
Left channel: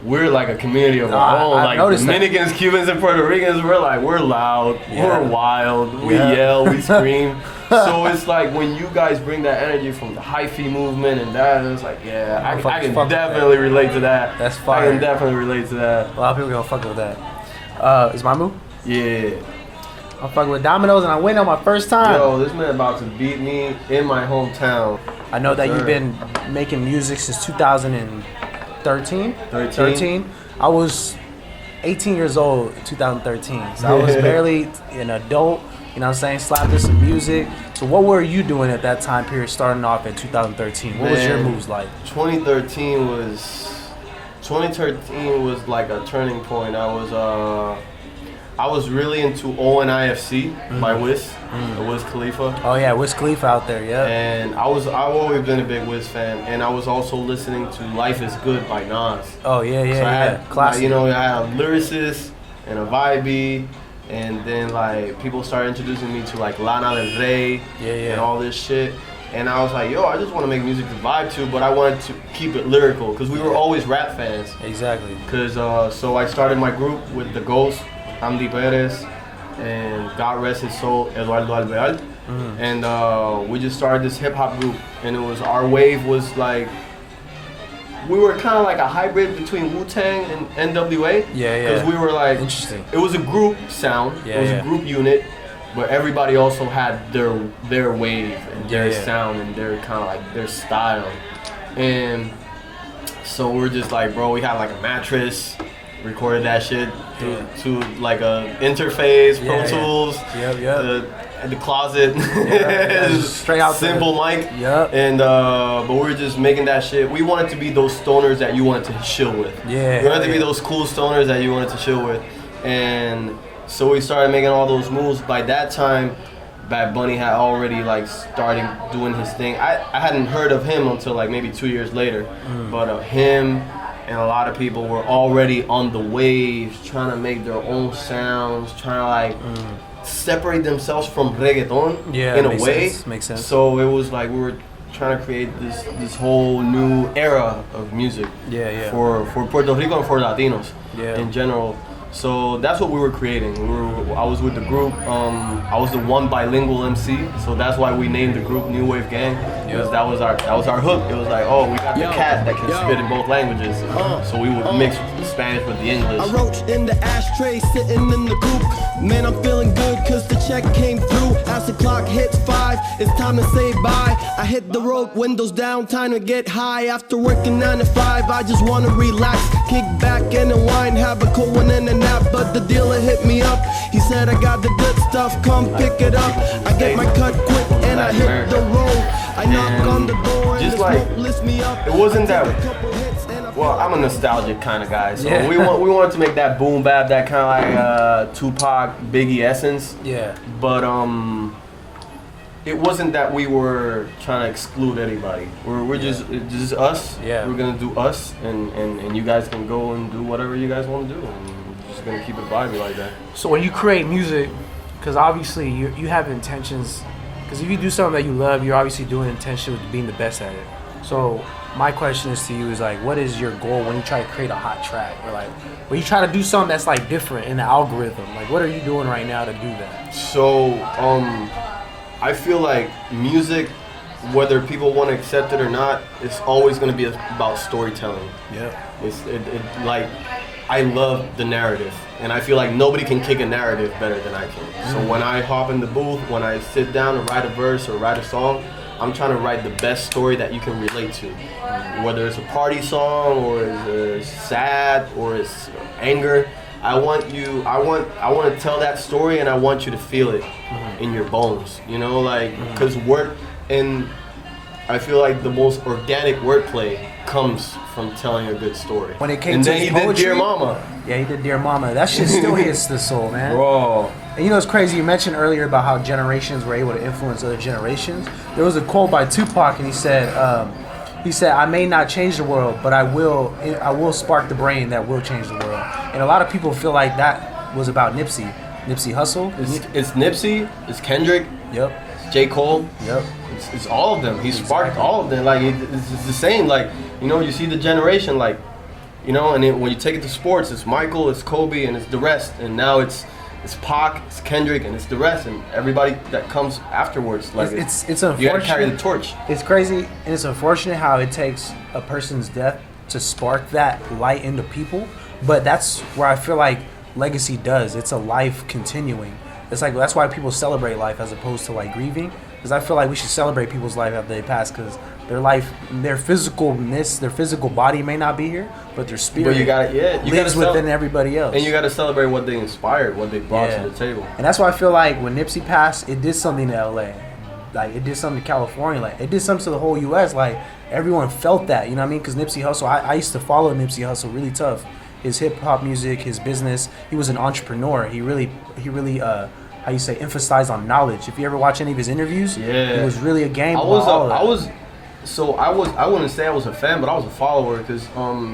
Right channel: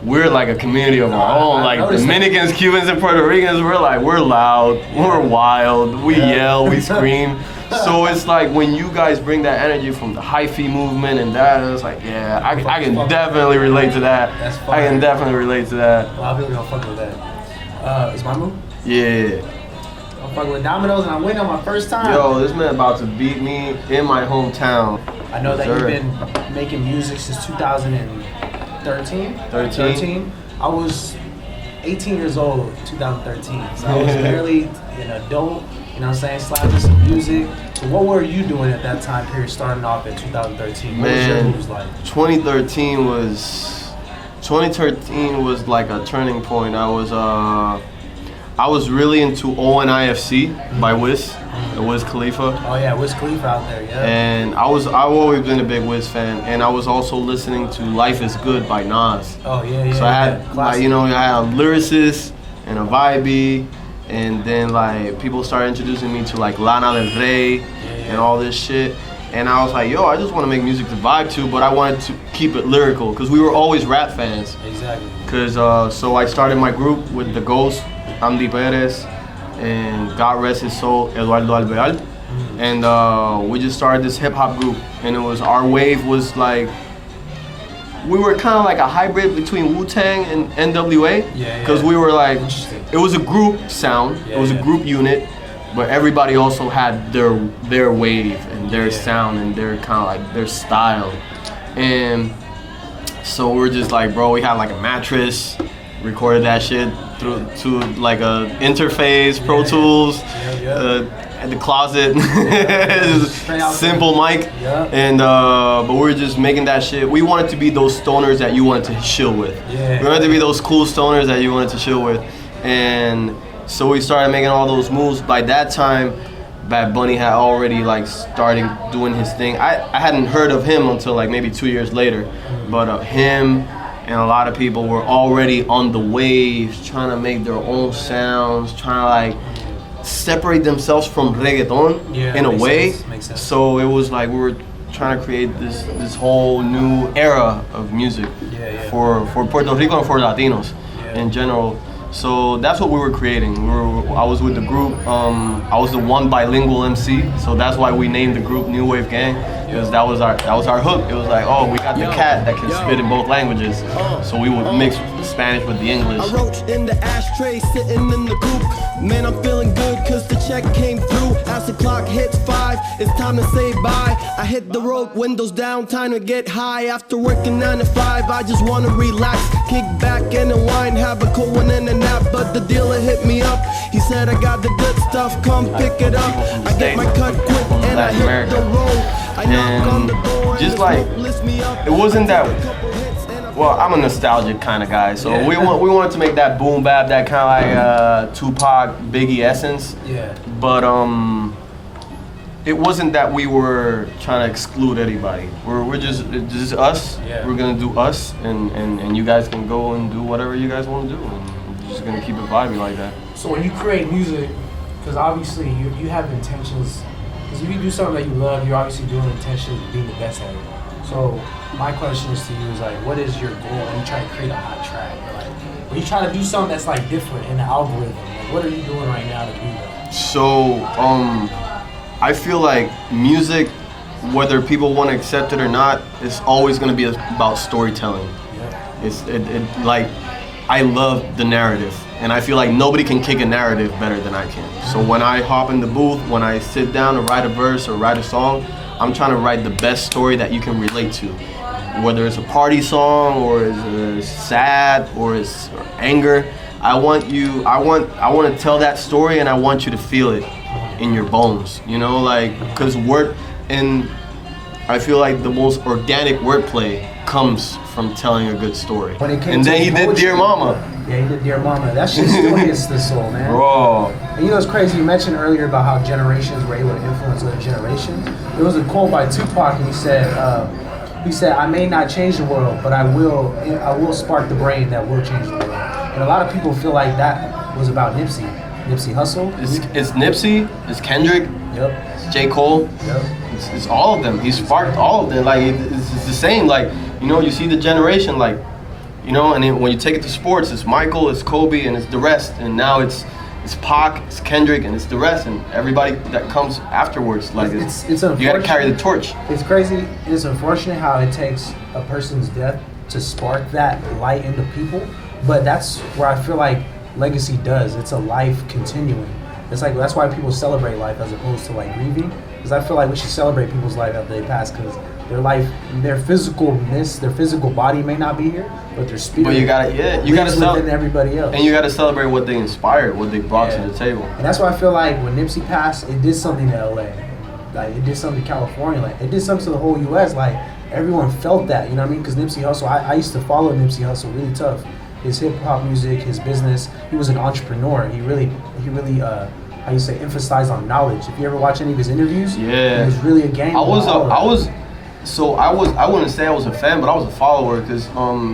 we're like a community of our own. Like Dominicans, Cubans, and Puerto Ricans, we're loud, we're wild, we yell, we scream. So it's like when you guys bring that energy from the Hyphy movement and that, it's like, I can definitely relate to that. That's fire. I can definitely relate to that. A lot of people don't fuck with that. Is my move? Yeah. I'm fucking with Domino's and I win on my first time. Yo, this man about to beat me in my hometown. I know that you've been making music since 2013. 13. I was 18 years old, 2013. So I was barely an adult. You know what I'm saying? Slapping some music. So what were you doing at that time period starting off in 2013? What was your moves like? 2013 was like a turning point. I was really into A1 NWG by Wiz Khalifa. Oh yeah, Wiz Khalifa out there, yeah. And I've always been a big Wiz fan, and I was also listening to Life Is Good by Nas. Oh yeah. So I had, I had a lyricist and a vibe. And then like people started introducing me to like Lana Del Rey and all this shit. And I was like, yo, I just want to make music to vibe to, but I wanted to keep it lyrical because we were always rap fans. Exactly. Because so I started my group with the Ghost, Andy Perez, and God rest his soul, Eduardo Alvear. And we just started this hip hop group, and our wave was like, we were kind of like a hybrid between Wu-Tang and NWA. Because we were like, it was a group sound, it was a group unit, but everybody also had their wave and their sound and their kind of like their style. And so we're just like, bro, we had like a mattress, recorded that shit to like a interface, Pro Tools. At the closet, simple mic, and but we were just making that shit. We wanted to be those stoners that you wanted to chill with. We wanted to be those cool stoners that you wanted to chill with, and so we started making all those moves. By that time, Bad Bunny had already like starting doing his thing. I hadn't heard of him until like maybe 2 years later, but him and a lot of people were already on the waves, trying to make their own sounds, trying to like separate themselves from reggaeton in a way. Makes sense. So it was like we were trying to create this whole new era of music for Puerto Rico and for Latinos in general. So that's what we were creating. I was with the group. I was the one bilingual MC, so that's why we named the group New Wave Gang, because that was our hook. It was like, oh, we got the cat that can spit in both languages, so we would mix the Spanish with the English. I roach in the ashtray, sitting in the coop. Man, I'm feeling good cause the check came through. As the clock hits 5, it's time to say bye. I hit the road, windows down, time to get high. After working 9 to 5, I just wanna relax, kick back and unwind, have a cold one and a nap. But the dealer hit me up, he said I got the good stuff, come pick it up. I get my cut quick and I hit the road. I knock on the door and just the like, smoke lifts me up. it wasn't that. Well, I'm a nostalgic kind of guy, so we wanted to make that boom bap, that kind of like Tupac, Biggie essence. Yeah. But it wasn't that we were trying to exclude anybody. We're just us. Yeah. We're gonna do us, and you guys can go and do whatever you guys want to do, and we're just gonna keep it vibey like that. So when you create music, because obviously you have intentions, because if you do something that you love, you're obviously doing intention with being the best at it. So my question is to you is like, what is your goal when you try to create a hot track? Or like, when you try to do something that's like different in the algorithm, like what are you doing right now to do that? So I feel like music, whether people want to accept it or not, it's always going to be about storytelling. Yeah. It's like, I love the narrative, and I feel like nobody can kick a narrative better than I can. So when I hop in the booth, when I sit down and write a verse or write a song, I'm trying to write the best story that you can relate to. Whether it's a party song or it's sad or it's anger, I want to tell that story, and I want you to feel it in your bones, you know, like, because I feel like the most organic wordplay comes from telling a good story. And then he did Dear Mama. Yeah, he did Dear Mama. That shit still hits the soul, man. Bro. And you know what's crazy? You mentioned earlier about how generations were able to influence other generations. There was a quote by Tupac, and he said, I may not change the world, but I will spark the brain that will change the world. And a lot of people feel like that was about Nipsey Hussle. It's Nipsey, it's Kendrick, Yep. it's J. Cole. Yep. It's all of them. He sparked all of them. Like, it's the same. Like, you know, you see the generation, like, you know, and when you take it to sports, it's Michael, it's Kobe, and it's the rest. And now it's Pac, it's Kendrick, and it's the rest, and everybody that comes afterwards. Like, it's you gotta carry the torch. It's crazy. It's unfortunate how it takes a person's death to spark that light into people. But that's where I feel like legacy does. It's a life continuing. It's like, that's why people celebrate life as opposed to like grieving. Because I feel like we should celebrate people's life after they pass, because their life, their physicalness, their physical body may not be here, but their spirit. But you gotta within everybody else. And you gotta celebrate what they inspired, what they brought to the table. And that's why I feel like when Nipsey passed, it did something to LA. Like, it did something to California. Like, it did something to the whole US. Like, everyone felt that, you know what I mean? Because Nipsey Hussle, I used to follow Nipsey Hussle really tough. His hip hop music, his business. He was an entrepreneur. He really how you say, emphasized on knowledge. If you ever watch any of his interviews, it was really a game. I wouldn't say I was a fan, but I was a follower, because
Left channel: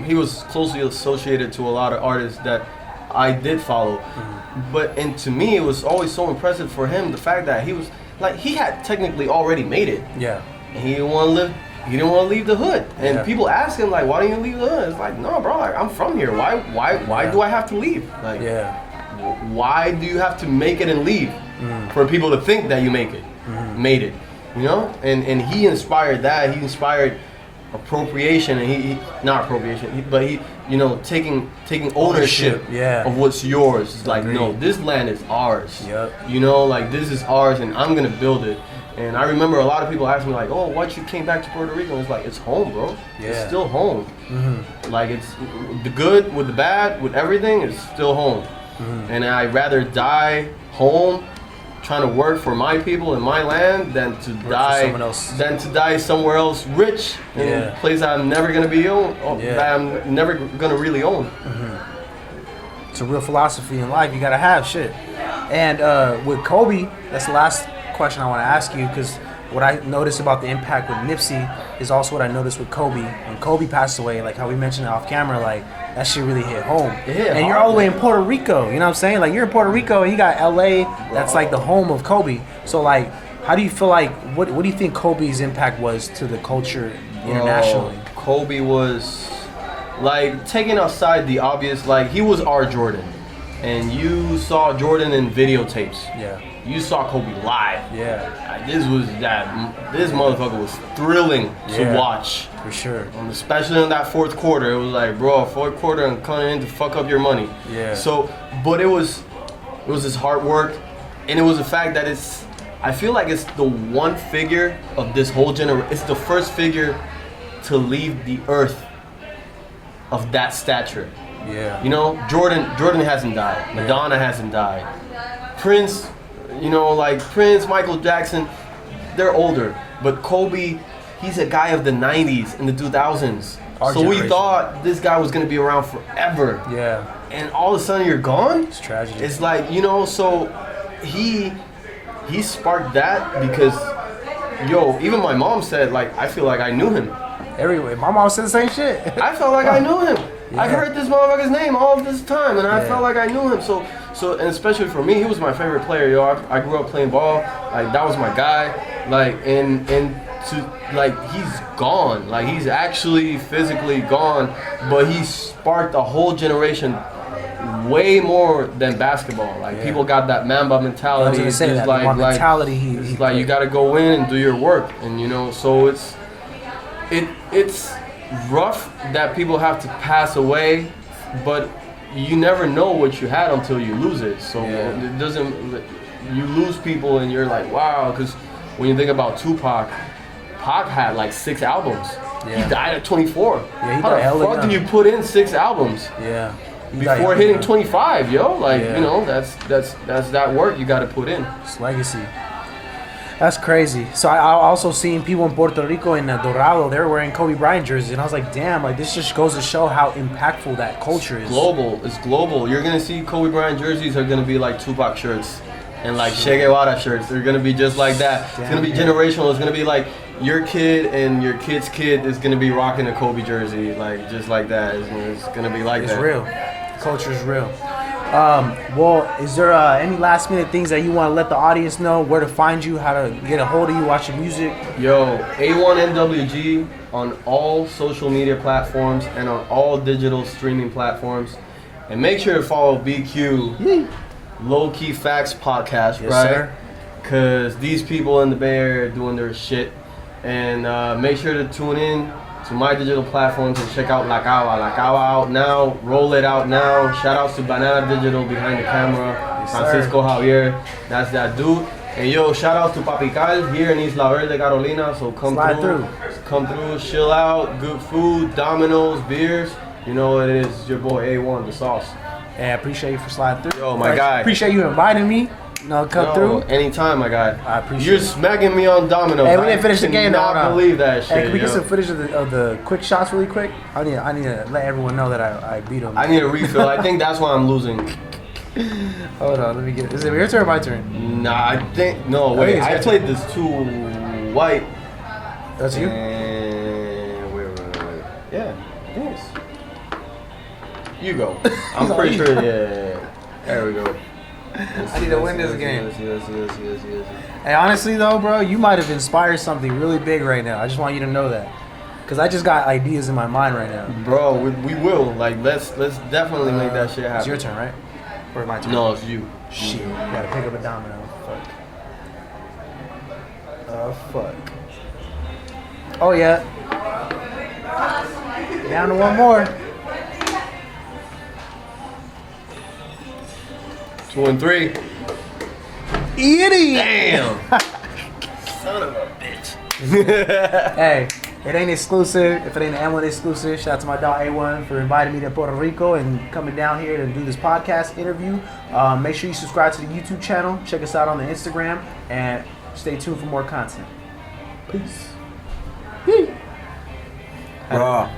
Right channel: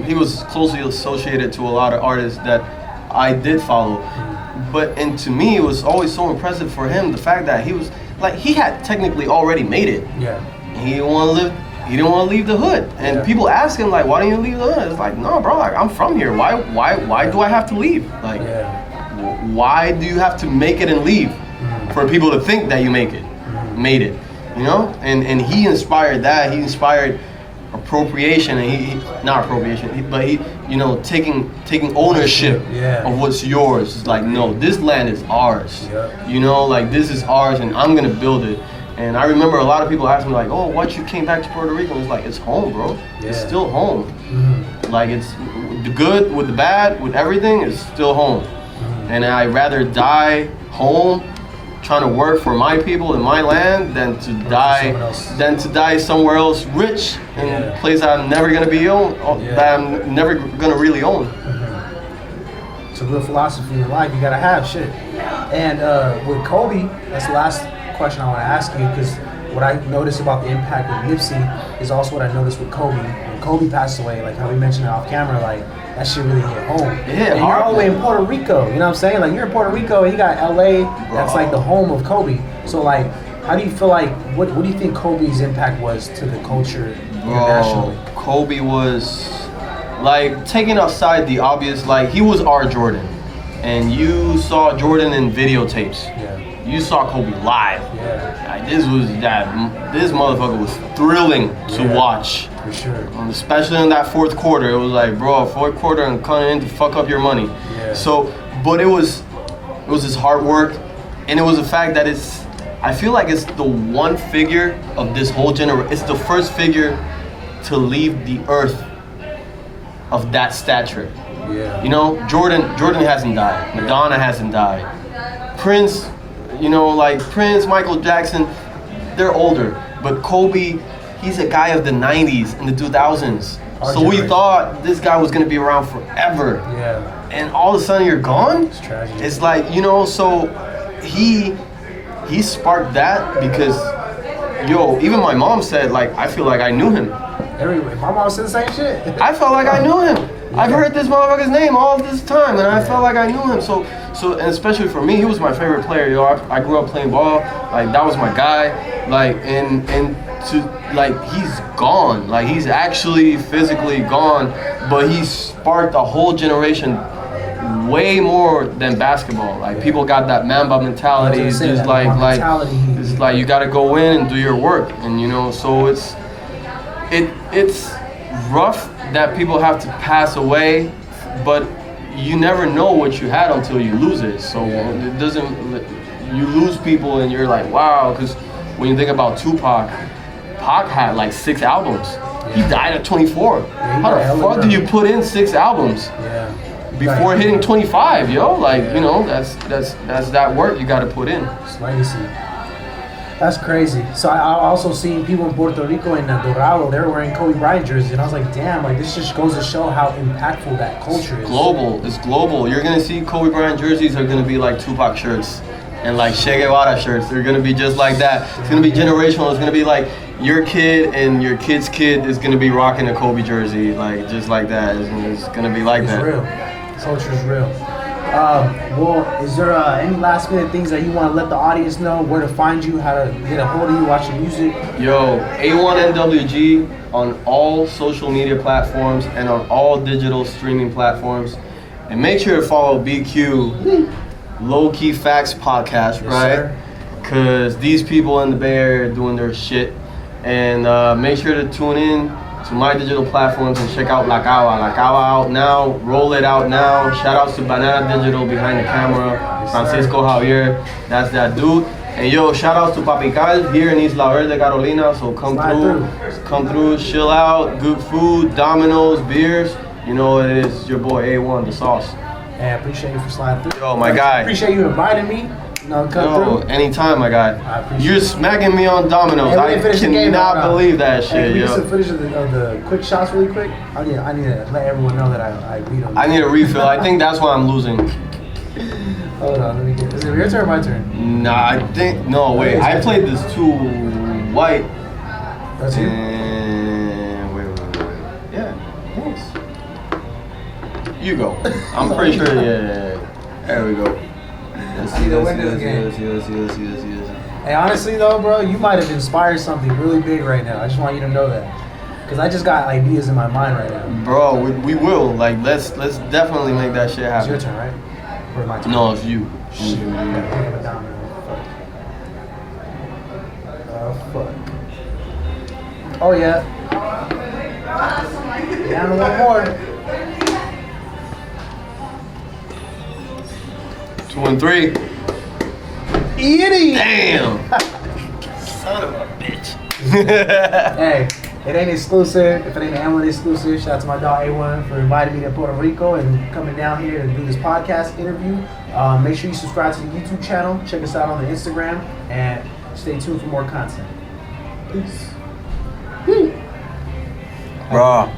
he was closely associated to a lot of artists that I did follow. And to me, it was always so impressive for him, the fact that he was like, he had technically already made it. Yeah. He didn't want to leave the hood. And people ask him, like, why don't you leave the hood? It's like, no, bro, like, I'm from here. Why do I have to leave? Like, why do you have to make it and leave for people to think that you made it, you know? And he inspired that. He inspired appropriation, and but he, you know, taking ownership of what's yours. It's like, no, this land is ours. You know, like, this is ours, and I'm gonna build it. And I remember a lot of people asked me, like, oh, why you came back to Puerto Rico? It's like, it's home, bro. It's still home. Like, it's the good with the bad with everything, it's still home. And I'd rather die home trying to work for my people in my land than to die somewhere else rich in a place I'm never gonna be that I'm never gonna really own. It's a real philosophy in life. You gotta have shit. And with Kobe, that's the last question I want to ask you, because what I noticed about the impact with Nipsey is also what I noticed with Kobe. When Kobe passed away, like how we mentioned it off camera, like, that shit really hit home. Yeah, and you're all the way in Puerto Rico, you know what I'm saying? Like, you're in Puerto Rico and you got LA, that's like the home of Kobe. So like, how do you feel like, what do you think Kobe's impact was to the culture internationally? Kobe was, like, taking outside the obvious, like, he was our Jordan. and you saw Jordan in videotapes. Yeah. You saw Kobe live. Yeah. Like, this motherfucker was thrilling to watch. For sure. Especially in that fourth quarter. It was like, bro, fourth quarter and coming in to fuck up your money. Yeah. So, but it was his hard work, and it was the fact that I feel like it's the one figure of this whole generation. It's the first figure to leave the earth of that stature. Yeah. You know, Jordan hasn't died. Madonna hasn't died. Prince, you know, like Prince, Michael Jackson, they're older. But Kobe, he's a guy of the 90s and the 2000s. So we thought this guy was gonna be around forever. Yeah. And all of a sudden you're gone? It's tragic. It's like, you know, so he sparked that because, yo, even my mom said, like, I feel like I knew him. Everywhere. My mom said the same shit. I felt like I knew him. I've heard this motherfucker's name all this time, and I felt like I knew him. So, and especially for me, he was my favorite player, yo. I grew up playing ball. Like, that was my guy. Like, and to, like, he's gone. Like, he's actually physically gone, but he sparked a whole generation way more than basketball. Like, people got that Mamba mentality. It's just like you got to go in and do your work, and you know, so it's rough that people have to pass away, but you never know what you had until you lose it. So it doesn't. You lose people, and you're like, wow. Because when you think about Tupac, Pac had like 6 albums. He died at 24. How the fuck do you put in 6 albums? Before hitting 25, yo, like, you know, that's that work you got to put in. It's legacy. That's crazy. So I also seen people in Puerto Rico and Dorado, they were wearing Kobe Bryant jerseys, and I was like, damn, like this just goes to show how impactful that culture is. Global. It's global. You're gonna see Kobe Bryant jerseys are gonna be like Tupac shirts and like Che Guevara shirts. They're gonna be just like that. It's gonna be generational. It's gonna be like your kid and your kid's kid is gonna be rocking a Kobe jersey, like just like that. It's gonna be like that. It's real. Culture is real. Well, is there any last minute things that you want to let the audience know, where to find you, how to get a hold of you, watch your music? Yo, A1 NWG on all social media platforms and on all digital streaming platforms. And make sure to follow BQ Low Key Facts Podcast, right? Because these people in the Bay Area are doing their shit. And make sure to tune in to my digital platforms and check out La Cava. La Cava out now, roll it out now. Shout outs to Banana Digital behind the camera, Fransico Javier, that's that dude. And yo, shout outs to Papical here in Isla Verde, Carolina. So come through, chill out, good food, Domino's, beers. You know it is your boy A1, the sauce. Yeah, I appreciate you for sliding through. Yo, my guy. Appreciate you inviting me. Come through. Anytime, my guy. You're smacking me on Domino's. I cannot believe that shit, hey, yo. Can we get some footage of the quick shots really quick? I need to let everyone know that I beat him. I need a refill. I think that's why I'm losing. Hold on, let me get. Is it your turn or my turn? Nah, I think no. Wait, I played this too white. That's you. Wait. Yeah. Yes. You go. I'm pretty sure. Yeah. There we go. Let's see the windows again. Yes. Hey, honestly though, bro, you might have inspired something really big right now. I just want you to know that, because I just got ideas in my mind right now. Bro, we will. Like, let's definitely make that shit happen. It's your turn, right? Or my turn? No, it's you. Shit. Pick up a domino. Oh fuck. Oh yeah. Down to one more. 2 and 3. Idiot! Damn! Son of a bitch. Hey, it ain't exclusive. If it ain't an EMLN Exclusive, shout out to my dog A1 for inviting me to Puerto Rico and coming down here to do this podcast interview. Make sure you subscribe to the YouTube channel. Check us out on the Instagram. And stay tuned for more content. Peace. Bro.